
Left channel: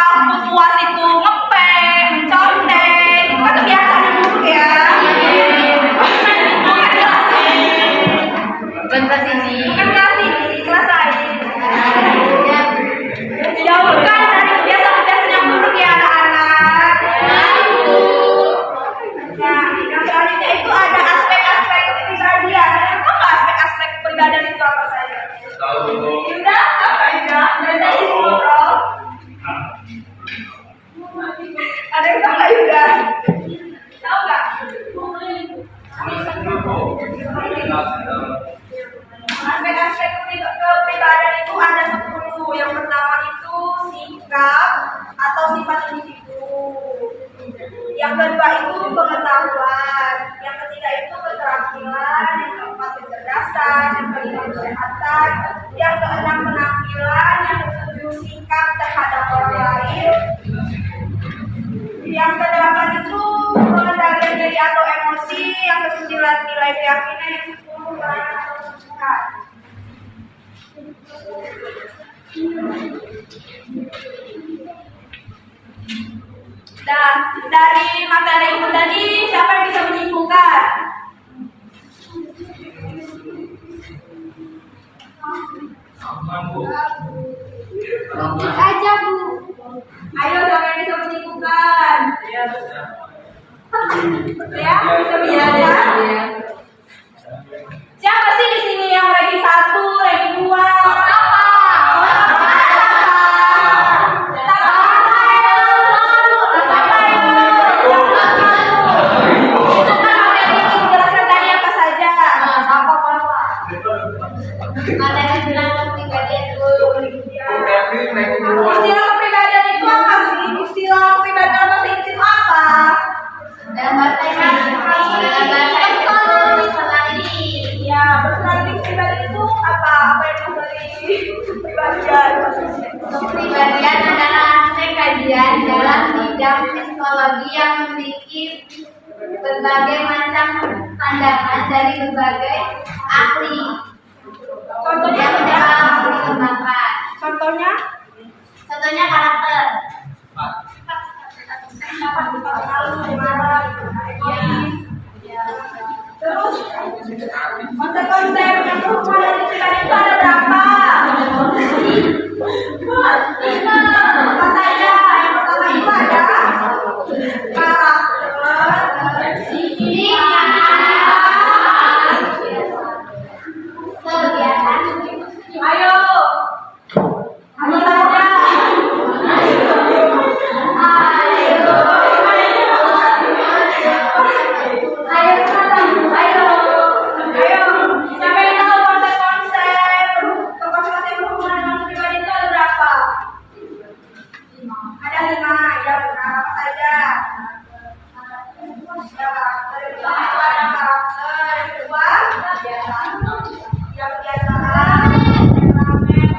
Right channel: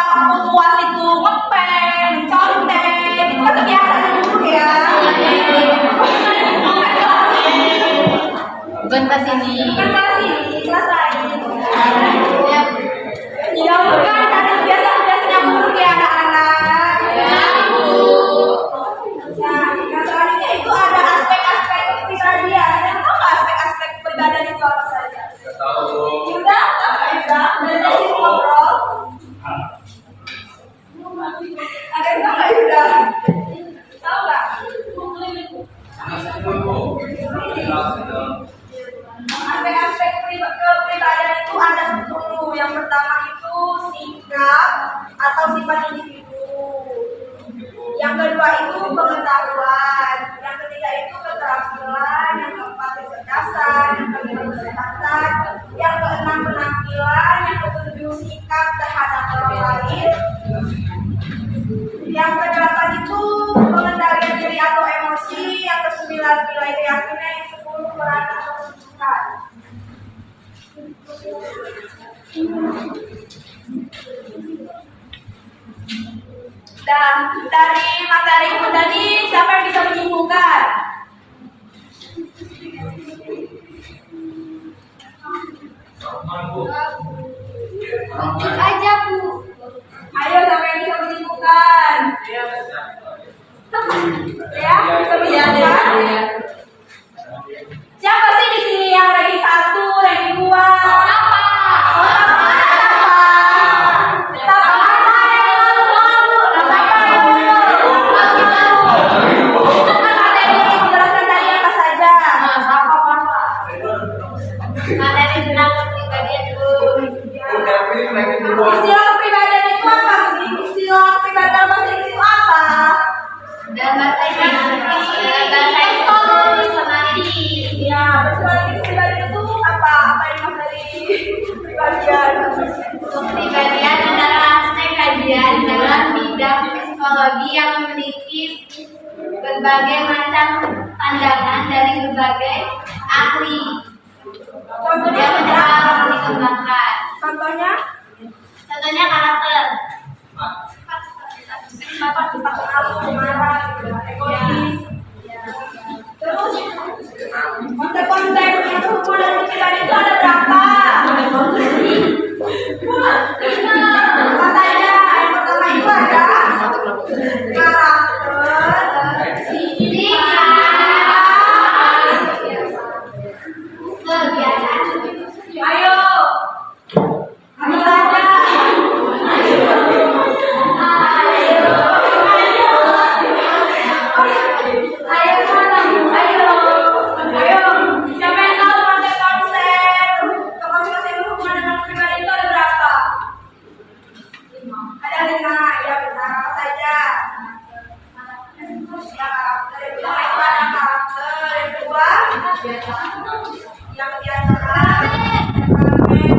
puas itu ngepeng, mencontek, itu kan kebiasaan yang buruk ya. Bukan kelas ini. Bukan ke sini. Bukan kelas ini, kelas lain. Jauhkan dari kebiasaan-kebiasaan yang buruk ya anak-anak. Nah, yang selanjutnya itu ada aspek-aspek kepribadian. Ada yang tahu nggak aspek-aspek kepribadian itu apa saja? Tahu. Yuda, apa Yuda? Berarti sini ngobrol. Ada yang tahu nggak Yuda? Tahu nggak? Aspek-aspek kepribadian itu ada 10. Yang pertama itu sikap atau sifat individu. Yang kedua itu pengetahuan. Yang ketiga itu keterampilan. Yang keempat kecerdasan. Yang kelima kesehatan. Yang keenam penampilan. Yang ketujuh sikap terhadap orang lain. Yang kedelapan itu pengendalian diri atau emosi. Yang kesembilan nilai keyakinan. Yang 10 peran atau kesukaan. dari materi ibu tadi, siapa yang bisa menyimpulkan? Lanjut aja, Bu. Ayo, siapa yang bisa menyimpulkan? Ya, bisa menyimpulkan. Siapa sih di sini yang ranking 1, ranking 2? Apa? Materi tentang kepribadian dulu. Istilah kepribadian itu apa sih? Istilah kepribadian dalam bahasa Inggris itu apa? Dan bahasa Inggris, dan bahasa personality. Ya, personality kepribadian itu apa? Apa yang mas dari kepribadian? Kepribadian adalah aspek kajian dalam bidang psikologi yang memiliki berbagai macam pandangan dari berbagai ahli. Contohnya Yang apa? dapat dikembangkan. Contohnya? Contohnya karakter. Marah, egois. Terus konsep-konsep yang berhubungan dengan kepribadian itu ada berapa? Apa saja? Yang pertama itu ada karakter, ayo, apa saja? Ayo, siapa yang tahu konsep-konsep yang berhubungan dengan kepribadian itu ada berapa? Ada 5, ya benar. Apa saja? Ya, karakter. Yang pertama itu ada karakter. Yang kedua, yang kebiasaan, temperamen,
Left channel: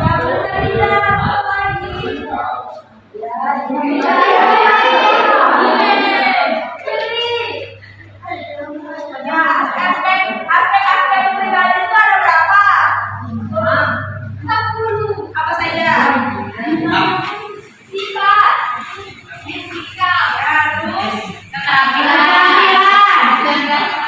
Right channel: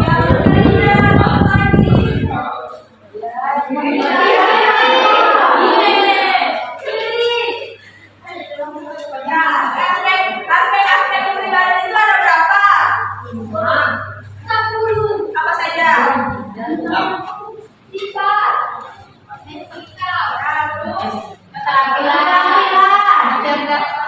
yang berbeda, apa lagi? Ya, aspek kepribadian itu ada berapa? 10. Apa saja? Sifat, etika, Ya, terus keterampilan, pengetahuan, kecerdasan,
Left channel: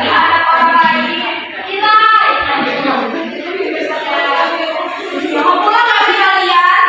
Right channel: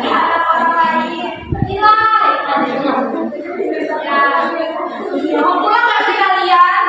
terhadap orang lain. nilai. Mau pulang nggak sih kalian?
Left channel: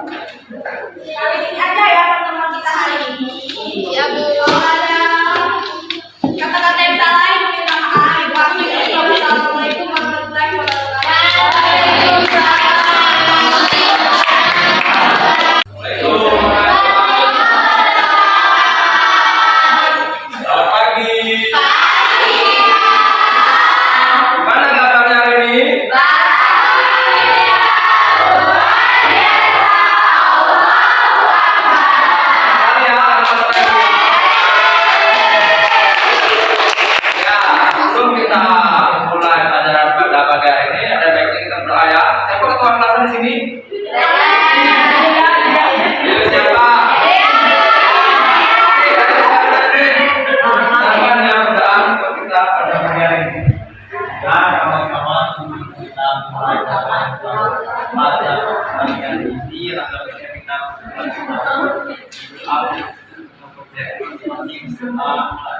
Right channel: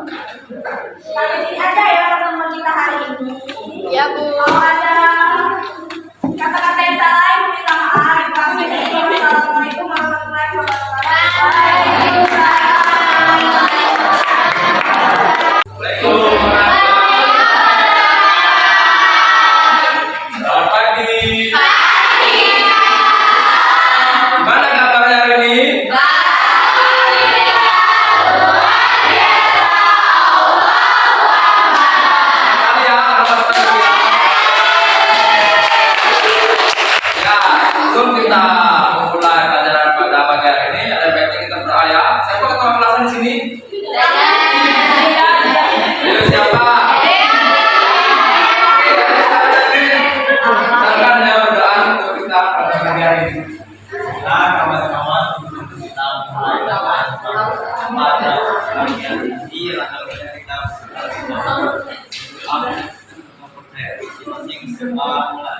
Sampai sini aja ya pertemuan kita hari ini. Iya, Bu. Kalau ada kata-kata yang salah, ibu minta maaf. Wassalamualaikum warahmatullahi wabarakatuh. Selamat pagi. Gimana kabarnya hari ini? Sekali ya, selamat pagi ya. Ya, sebelum kita mulai pelajaran pada pagi hari ini, ada baiknya kita berdoa ya. Siapa ketua kelasan di sini? Ayo siapa? Silakan ya berdoa untuk kita pada pagi hari ini. Nah, kawan-kawan, kita mulai dengan pada pagi hari ini, rangkaian kita masing-masing serta mulai.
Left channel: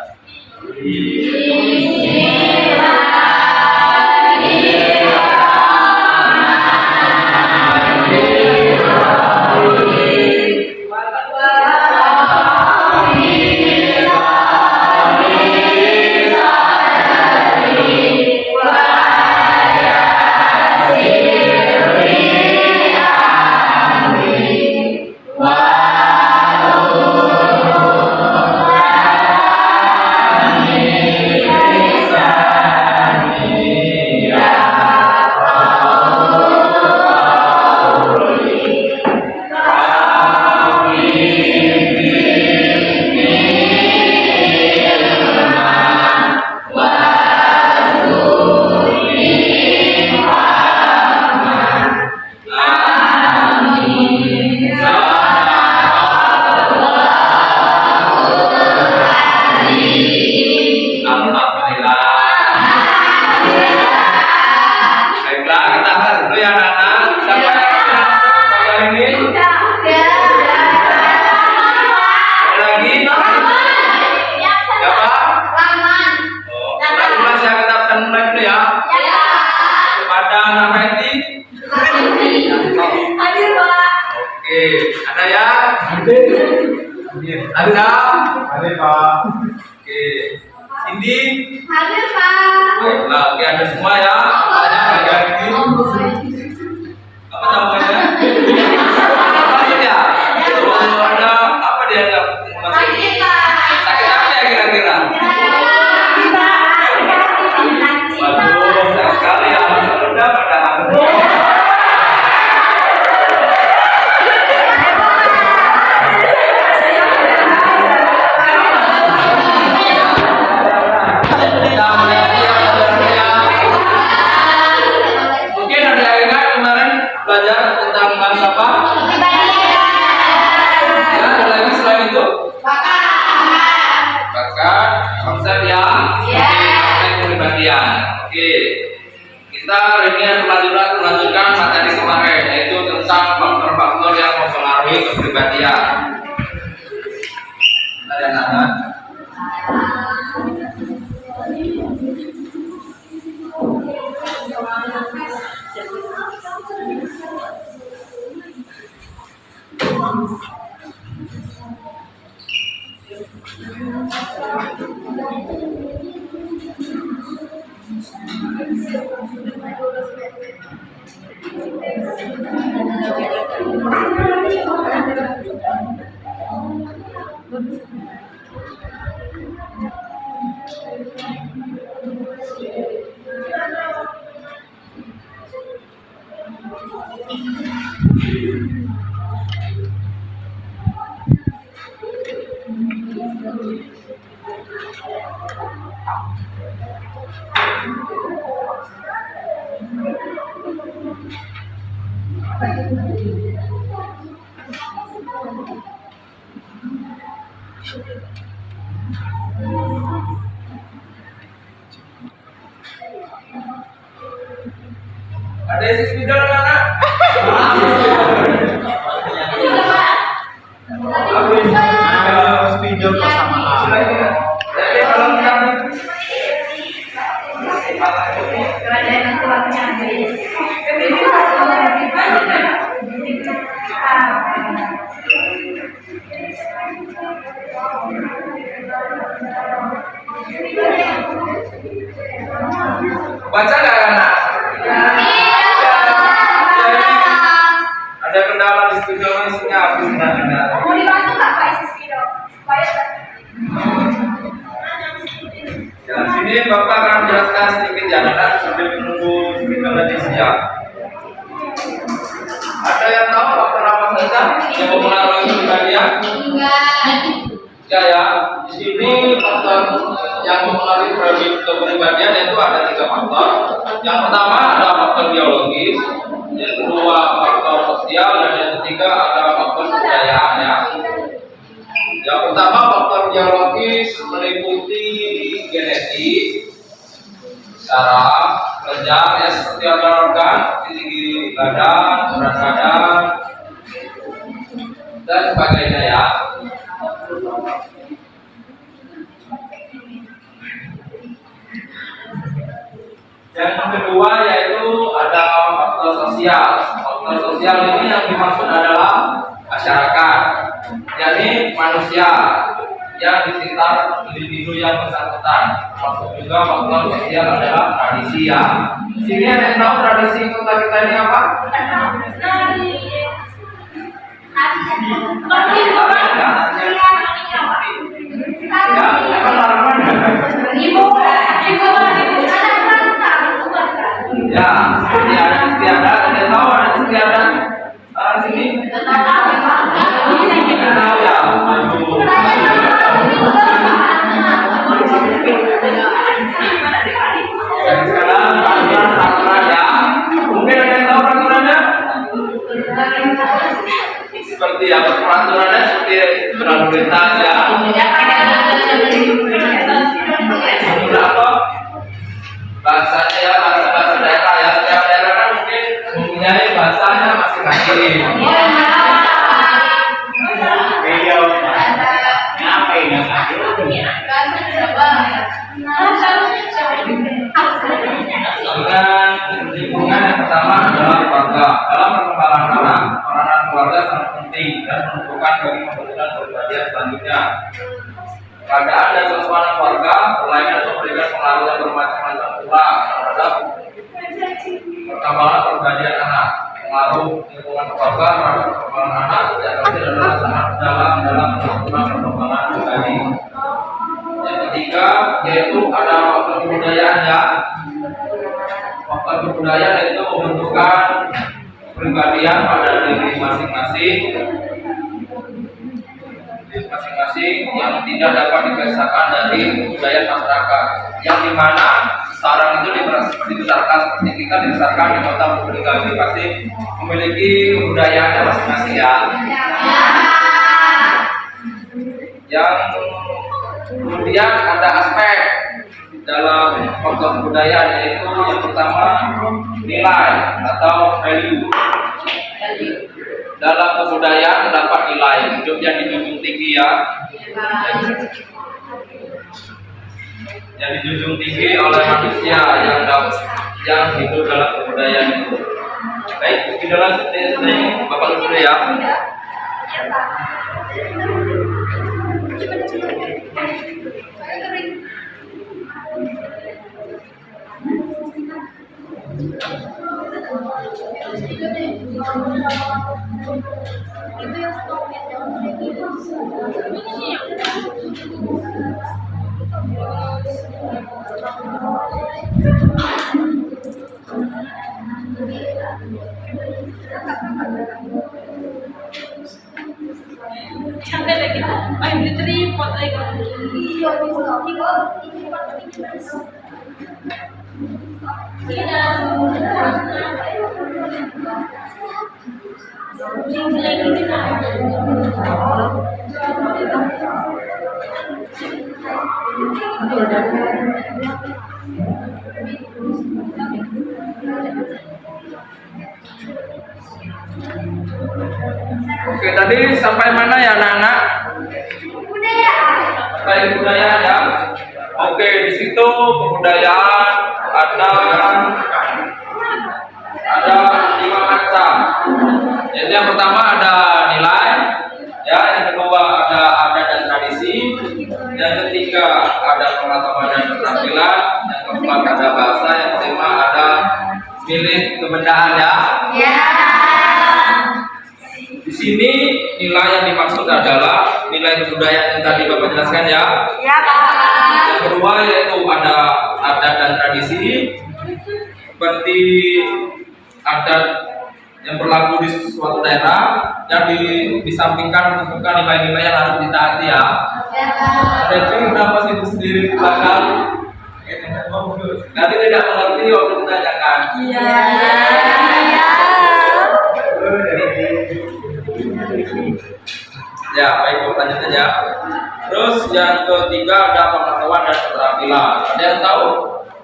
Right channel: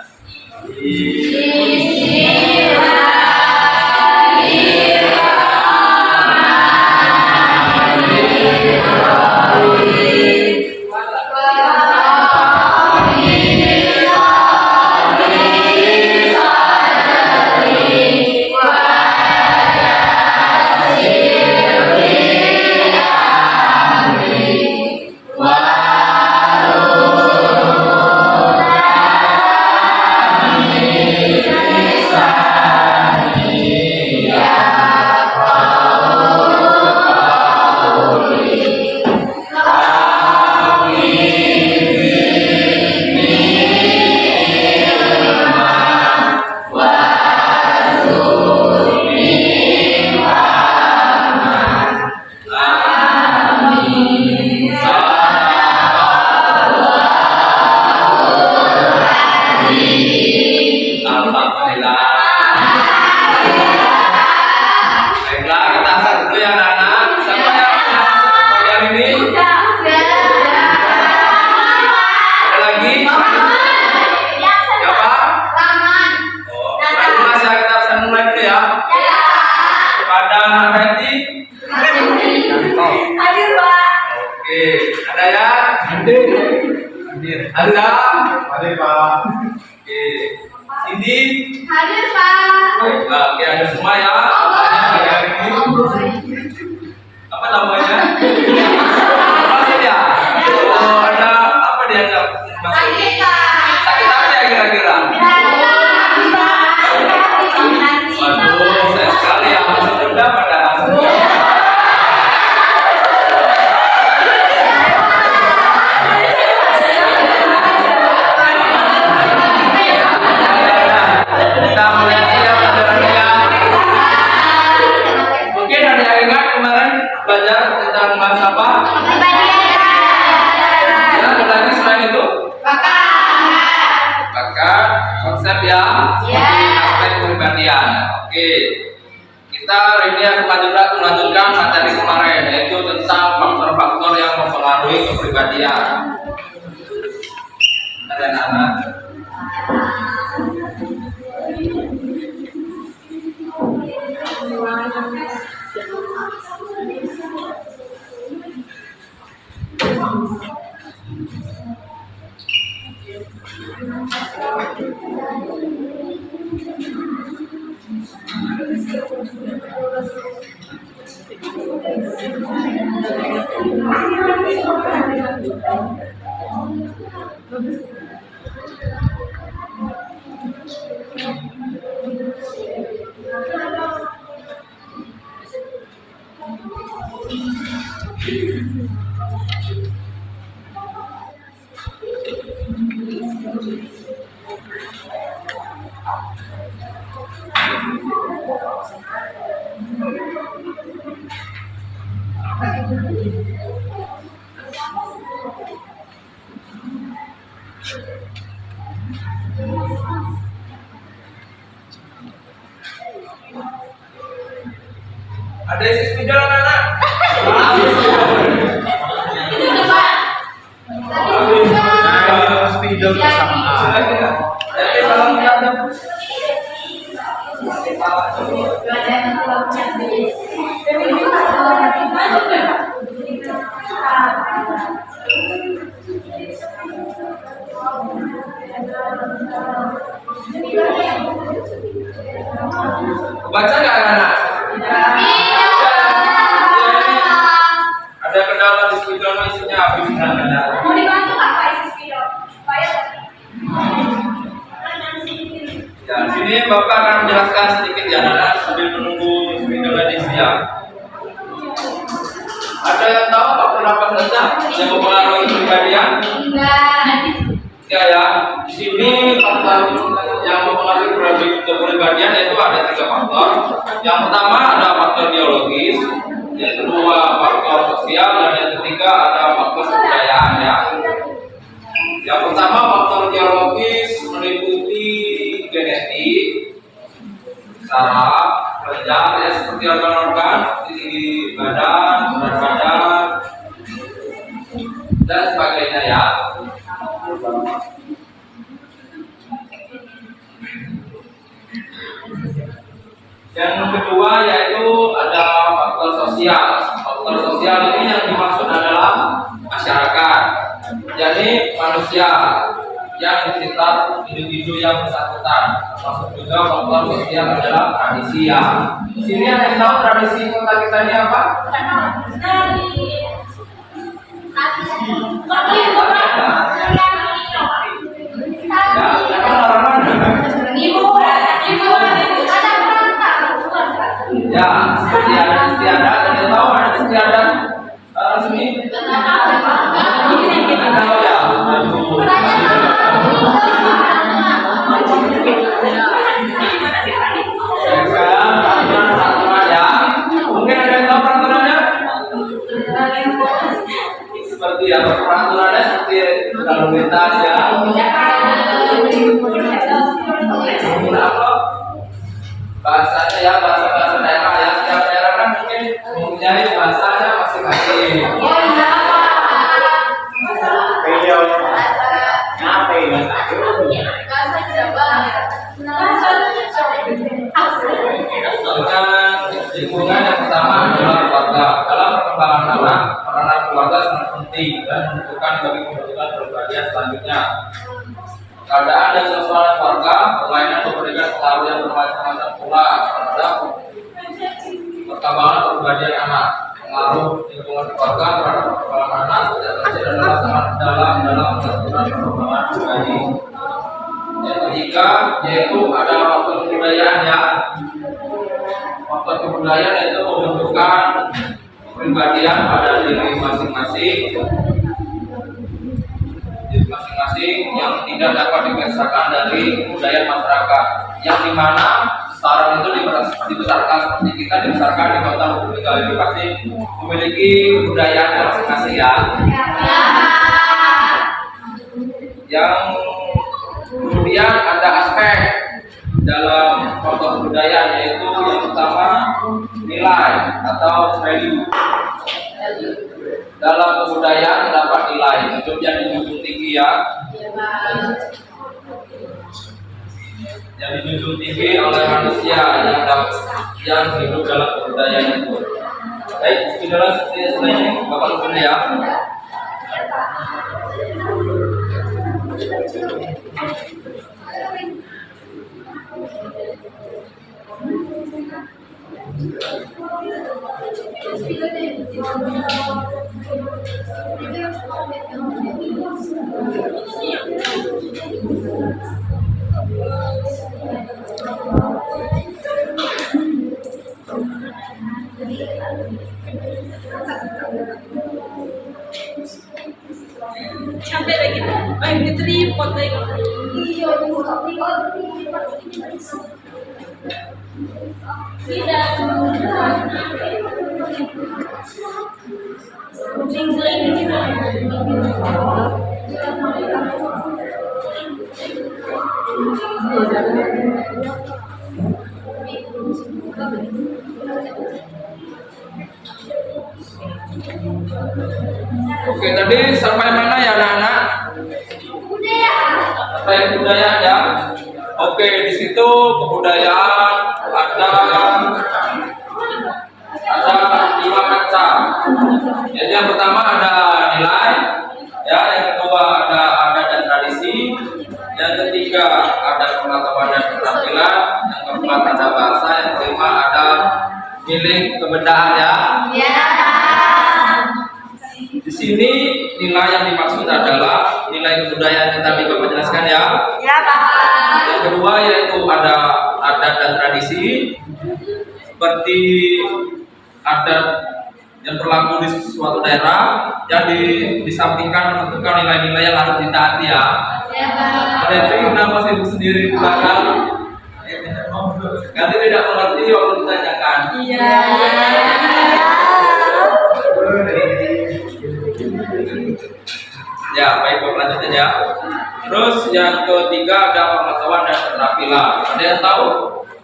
Alhamdulillah. Baiklah, kita akan dulu ya anak-anak. Siapa yang sudah masuk pagi hari ini? Ada lagi? Siapa? Oh, mas ya, kita bisa mulai dulu ya. Kepada anak Betty. Oh, Hadir, Pak. oke. Ada ya? Ada. Hadir, Pak. Oke. Cindy. Hadir, Pak. Baiklah, oke, ada semua ya. Apanya pagi hari ini? Apa namanya? Maksudnya? Oh, ada apa dia nggak masuk? Sakit apa ya kira-kira? Waduh, sayang sekali ya, masih muda padahal. Kita mulai ya pelajarannya ya. Mungkin ada yang ingat kemarin belajar tentang bahasa apa? Ya, ada lagi selain itu? Bakat, konsep ya. Oke, aspek kepribadian. Oke. Kita hari ini akan melanjutkan materi kemarin, yaitu tentang faktor-faktor yang mempengaruhi kepribadian. Ada anak. Ada isi spidol anak-anak? Spidol bersama. Silakan ya. Jadi salam kenal. Ada Baca nggak anak? Ada kendala di spidol isinya habis benar-benar. Mau dibantu nggak Pak isi spidol? Supaya Ya, di sini Bapak akan menjelaskan sedikit ya anak sambil menunggu spidolnya diisi ya. Ada yang tahu faktor apa saja yang mempengaruhi kepribadian? Enggak ya. Di sini faktor yang mempengaruhi kepribadian yaitu ada 3 faktor. Yang pertama ada faktor biologis, yang kedua faktor sosial, dan yang ketiga ada faktor kebudayaan ya. Yang pertama faktor biologis meliputi genetik, saraf, kelenjar ya seperti organ-organ, seperti tinggi badan, berat badan, dan sebagainya ya. Dan yang kedua yaitu ada faktor sosial. Faktor sosial ini yang dimaksud adalah masyarakat, jadi manusia yang di sekitar individu yang bersangkutan. Termasuk juga faktor sosial adalah tradisi ya. Di sini ada yang tahu tradisi kota kita ini apa? Ya, apa orang Ya, seperti ada istiadat, ada yang tahu ada istiadat di sini? Tidak tahu ya, sekarang peraturan ya. Mungkin ada yang tahu peraturannya? Seperti apa peraturannya? Seperti berlalu lintas ya. Atau bahasanya ya bahasa daerah ya. Setiap daerah kan mungkin mempunyai bahasanya masing-masing. Dengan lingkungan yang pertama adalah keluarga. Dalam perkembangan anak, peranan keluarga sangat penting dan menentukan bagi pembentukan kepribadian selanjutnya. Keadaan dan suasana keluarga, permainan atau memberikan pengaruh yang bermacam-macam pula terhadap perkembangan kepribadian anak. Pengaruh lingkungan keluarga terhadap perkembangan anak sejak kecil adalah sangat dalam menentukan perkembangan pribadi. Yang ketiga yaitu ada faktor kebudayaan ya. Faktor kebudayaan yaitu membentukkan kepribadian pada diri masing-masing yang tidak dapat dipisahkan dari kebudayaan masyarakat, yang dimana sekarang itu dibesarkan seperti kita dibesarkan di kota Purbalingga ini pasti memiliki kebudayaannya masing-masing ya. Yang kemudian ada aspek dalam faktor kebudayaan yaitu yang pertama nilai atau value. Dalam kebudayaan terdapat nilai hidup yang dijunjung tinggi ya. Yang dijunjung tinggi oleh manusia yang hidup dalam kebudayaan itu. Baik, itulah seperti ini Bapak Lutfi ya. Sampai lagi, ay diteripot lagi. Oke, tadi sampai mana ya anak-anak? Sampai kebudayaan ya. Oke, di situ kebudayaan ada 5 macam. Jadi yang pertama ada nilai, pengetahuan dan keterampilan, yang keempat ada bahasa, yang kelima ada milik kebendaan ya. Ya. Di sini nilai yang dimaksud adalah nilai kebudayaan yang tadi Bapak jelaskan ya. Ya, Pak. Yang kedua yaitu ada adat dan tradisi, seperti adat yang berlaku di suatu daerah yang disampingkan menentukan nilai-nilai yang harus ditaati ya. Ya, Pak. Ada yang kenapa sibuk sendiri di belakang? Nanti tidak mengerti waktu ditanyakan. Iya. Ya, baik, Bapak lanjutkan ya. Terus yang ketiga ada pengetahuan dan keterampilan. Ada yang tahu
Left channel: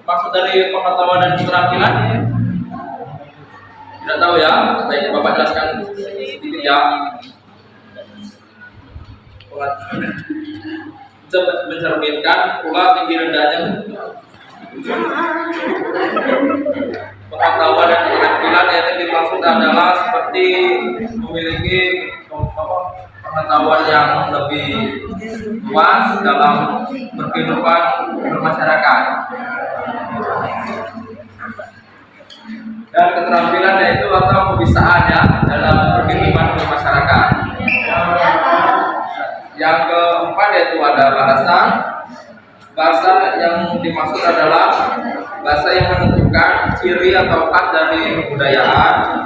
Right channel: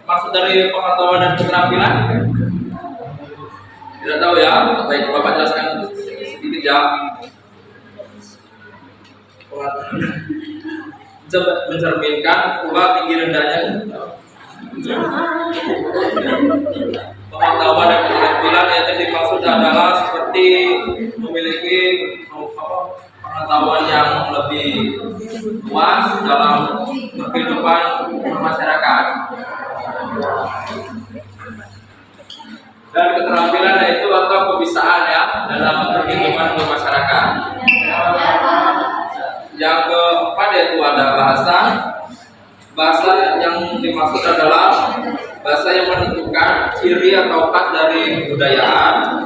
maksud dari pengetahuan dan keterampilan? Tidak tahu ya? Baik, Bapak jelaskan sedikit ya. Mencerminkan pula tinggi rendahnya pengetahuan dan keterampilan yang dimaksud adalah seperti memiliki pengetahuan yang lebih luas dalam berkehidupan bermasyarakat. Dan keterampilan yaitu atau kebisaan ya dalam berkehidupan bermasyarakat. Yang keempat yaitu ada bahasa. Bahasa yang dimaksud adalah bahasa yang menentukan ciri atau khas dari kebudayaan.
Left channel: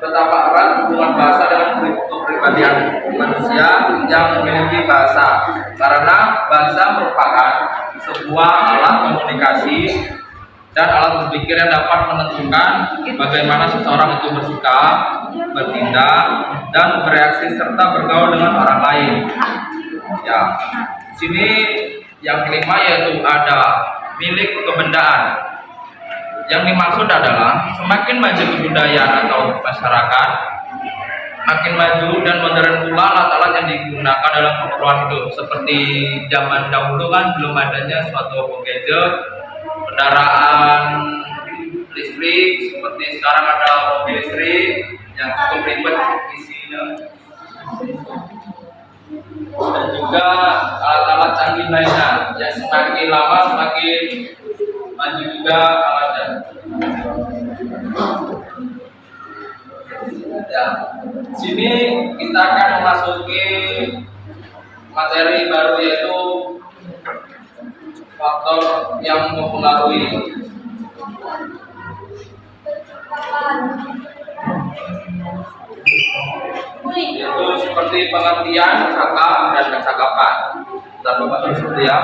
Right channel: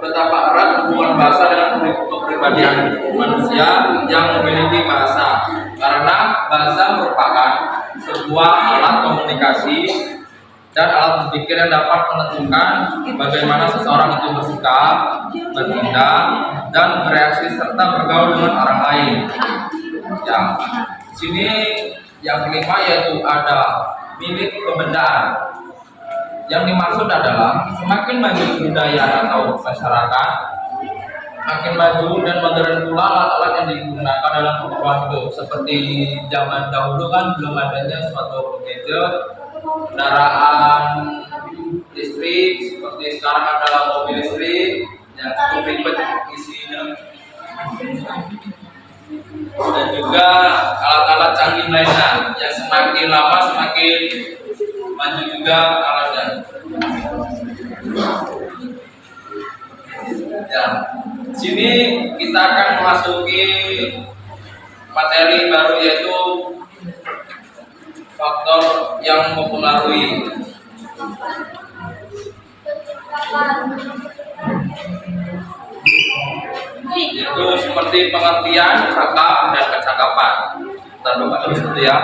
Betapa erat hubungan bahasa dengan kepribadian manusia yang memiliki bahasa. Karena bahasa merupakan sebuah alat komunikasi dan alat berpikir yang dapat menentukan bagaimana seseorang itu bersikap, bertindak, dan bereaksi serta bergaul dengan orang lain. Ya, sini yang kelima yaitu ada milik kebendaan. Yang dimaksud adalah semakin maju kebudayaan atau masyarakat, makin maju dan modern pula alat-alat yang digunakan dalam keperluan hidup. Seperti zaman dahulu kan belum adanya suatu gadget, kendaraan listrik, seperti sekarang ada mobil listrik yang cukup ribet isinya. Dan juga alat-alat canggih lainnya yang semakin lama semakin maju juga alatnya. Ya, sini kita akan memasuki materi baru yaitu faktor yang mempengaruhi. Itu seperti pengertian, cakap, dan kecakapan. Bentar Bapak terus itu ya.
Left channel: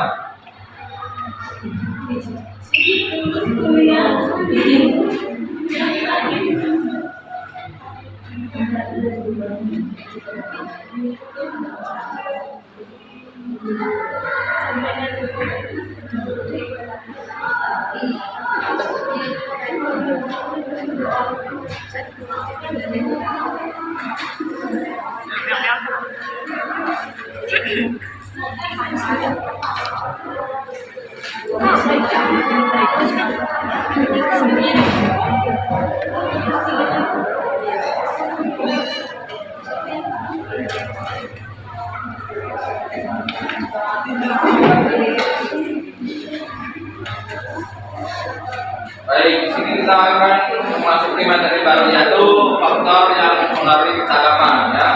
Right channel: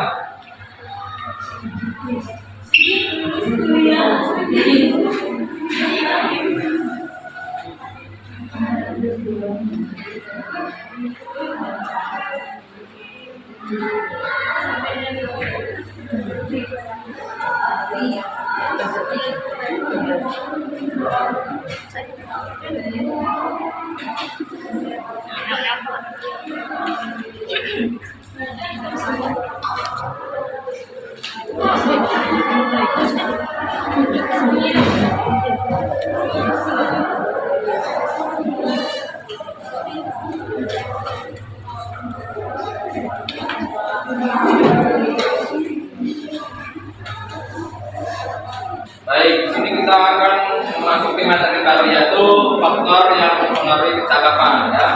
Baik, di sini kita akan memasuki materi baru yaitu faktor yang mempengaruhi kecakapan ya.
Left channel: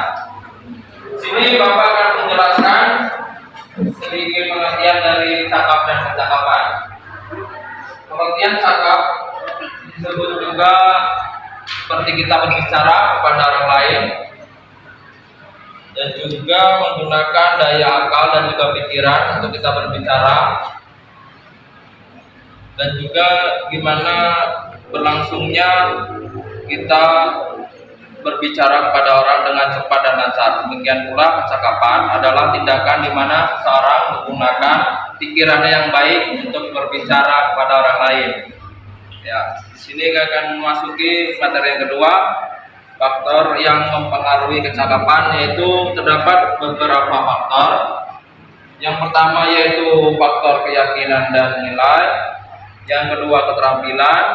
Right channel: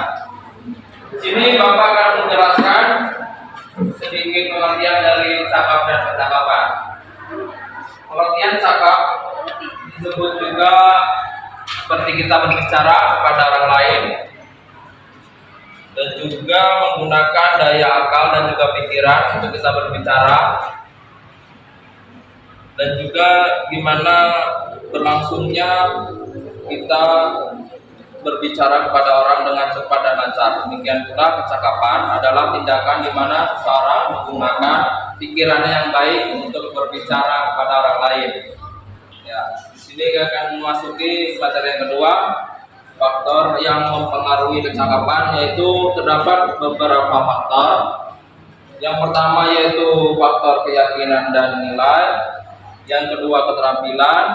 Di sini Bapak akan menjelaskan sedikit pengertian dari cakap dan kecakapan. Pengertian cakap disebut juga seperti kita berbicara kepada orang lain dan juga menggunakan daya akal dan juga pikiran untuk kita berbicara, dan juga gimana berlangsungnya kita berbicara kepada orang dengan cepat dan lancar. Demikian pula kecakapan adalah tindakan di mana seseorang menggunakan pikirannya yang baik untuk berbicara kepada orang lain. Ya, di sini kita akan memasuki materi yang kedua, faktor yang mempengaruhi kecakapan, yaitu terdapat beberapa faktor. Yang pertama yaitu faktor keyakinan dan nilai, yang kedua keterampilan,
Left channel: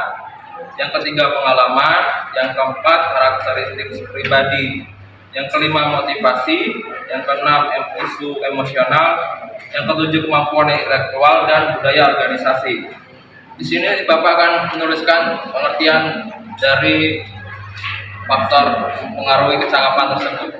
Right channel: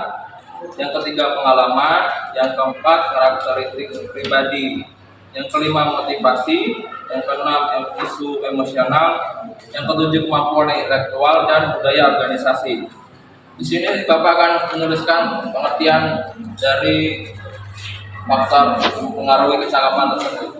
yang ketiga pengalaman, yang keempat karakteristik pribadi. Yang kelima motivasi, yang keenam isu emosional, yang ketujuh kemampuan intelektual dan budaya organisasi. Di sini Bapak akan menuliskan pengertian dari faktor mempengaruhi kecakapan tersebut.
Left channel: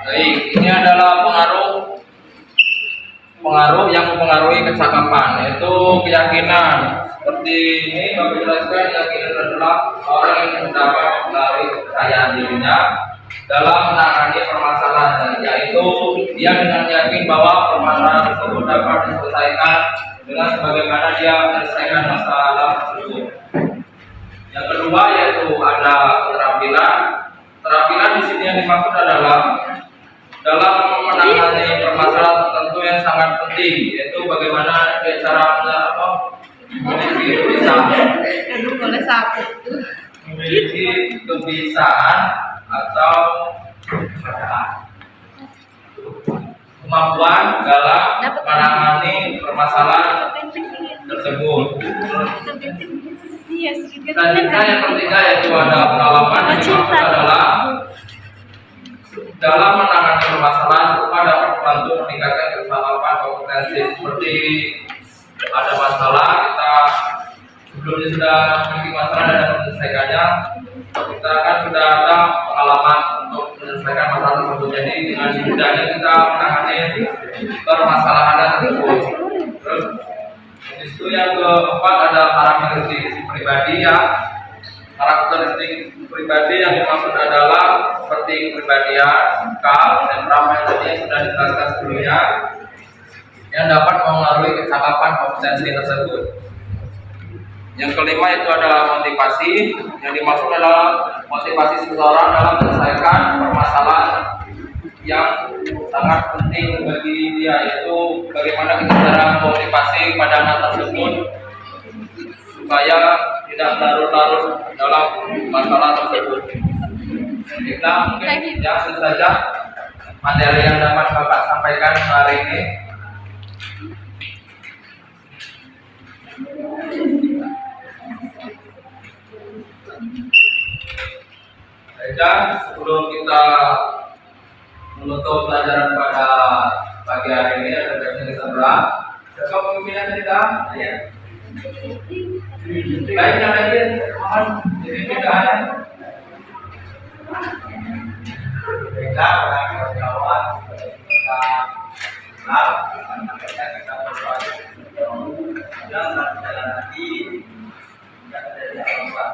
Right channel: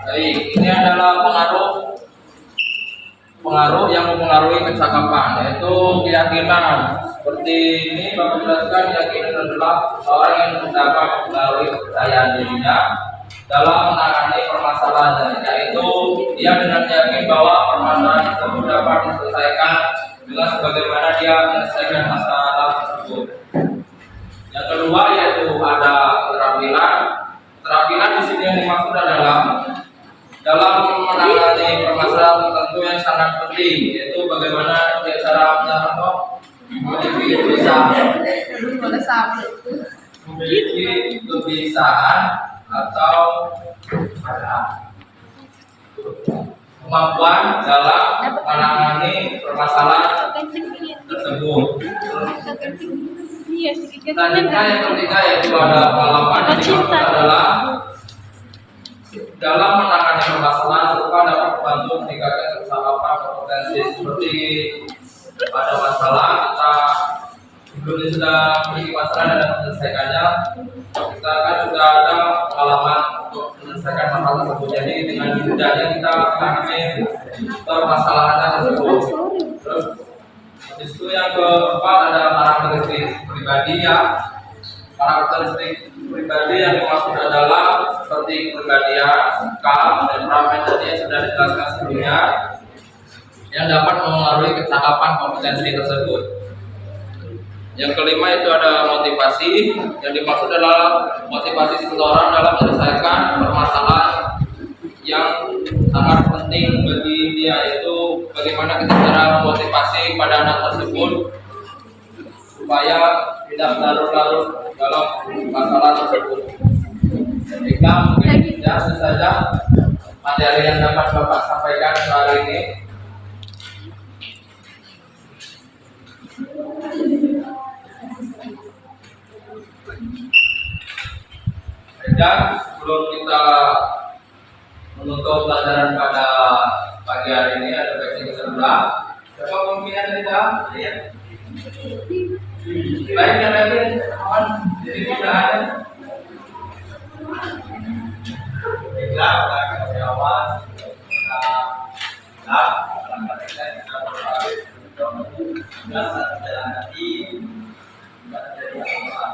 Baik, ini adalah pengaruh yang mempengaruhi kecakapan, yaitu keyakinan. Seperti ini Bapak jelaskan, keyakinan adalah orang yang dapat mempengaruhi kepercayaan dirinya dalam menangani permasalahan, yaitu dia dengan yakin bahwa permasalahan tersebut dapat diselesaikan dengan sebagaimana dia menyelesaikan masalah tersebut. Yang kedua yaitu ada keterampilan. Keterampilan di sini yang dimaksud adalah dalam menangani permasalahan tertentu yang sangat penting, yaitu bagaimana dia cara memiliki kebiasaan atau kemampuan dalam menangani permasalahan tersebut. Selanjutnya yang ketiga yaitu ada pengalaman. Yang dimaksud adalah dalam menangani permasalahan serupa dapat membantu meningkatkan kecakapan kompetensi. Seperti ada masalah, kita sebelumnya sudah memiliki masalah dan menyelesaikannya, kita kan sudah ada pengalaman untuk menyelesaikan masalah tersebut. Jadi dengan mudahnya kita menangani permasalahan tersebut. Terus itu yang keempat ada karakteristik pribadi ya. Karakteristik pribadi yang dimaksud adalah seperti kepribadian, sikap, temperamen tadi yang sudah dijelaskan sebelumnya, yang dapat mempengaruhi kecakapan kompetensi tersebut. Yang kelima itu ada motivasi, yang dimaksud adalah motivasi seseorang dalam menyelesaikan permasalahan yang sangat penting bagi dia, yaitu bagaimana kita cara memotivasi pada anak tersebut supaya tidak larut-larut dalam masalah tersebut. Baiklah, mungkin ya itu saja materi yang dapat Bapak sampaikan hari ini. Baiklah, sebelum kita menutup pelajaran pada pagi hari ini, ada baiknya kita berdoa. Siapa pemimpinnya tadi Kak? Ya. Baiknya lagi, mohon jadi mudahan. Baiklah, pada kawan-kawan kita kita berdoa dan jalan hati dan dari Allah.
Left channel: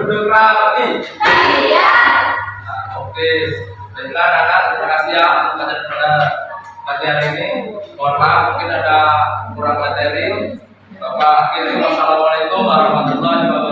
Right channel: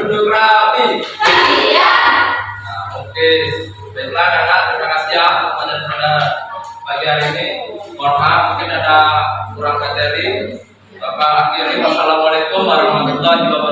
duduk rapi. Iya. Nah, oke. Baiklah kakak, terima kasih ya pembelajaran pada pagi hari ini. Mohon maaf mungkin ada kurang materi. Bapak akhiri, wassalamualaikum warahmatullahi wabarakatuh.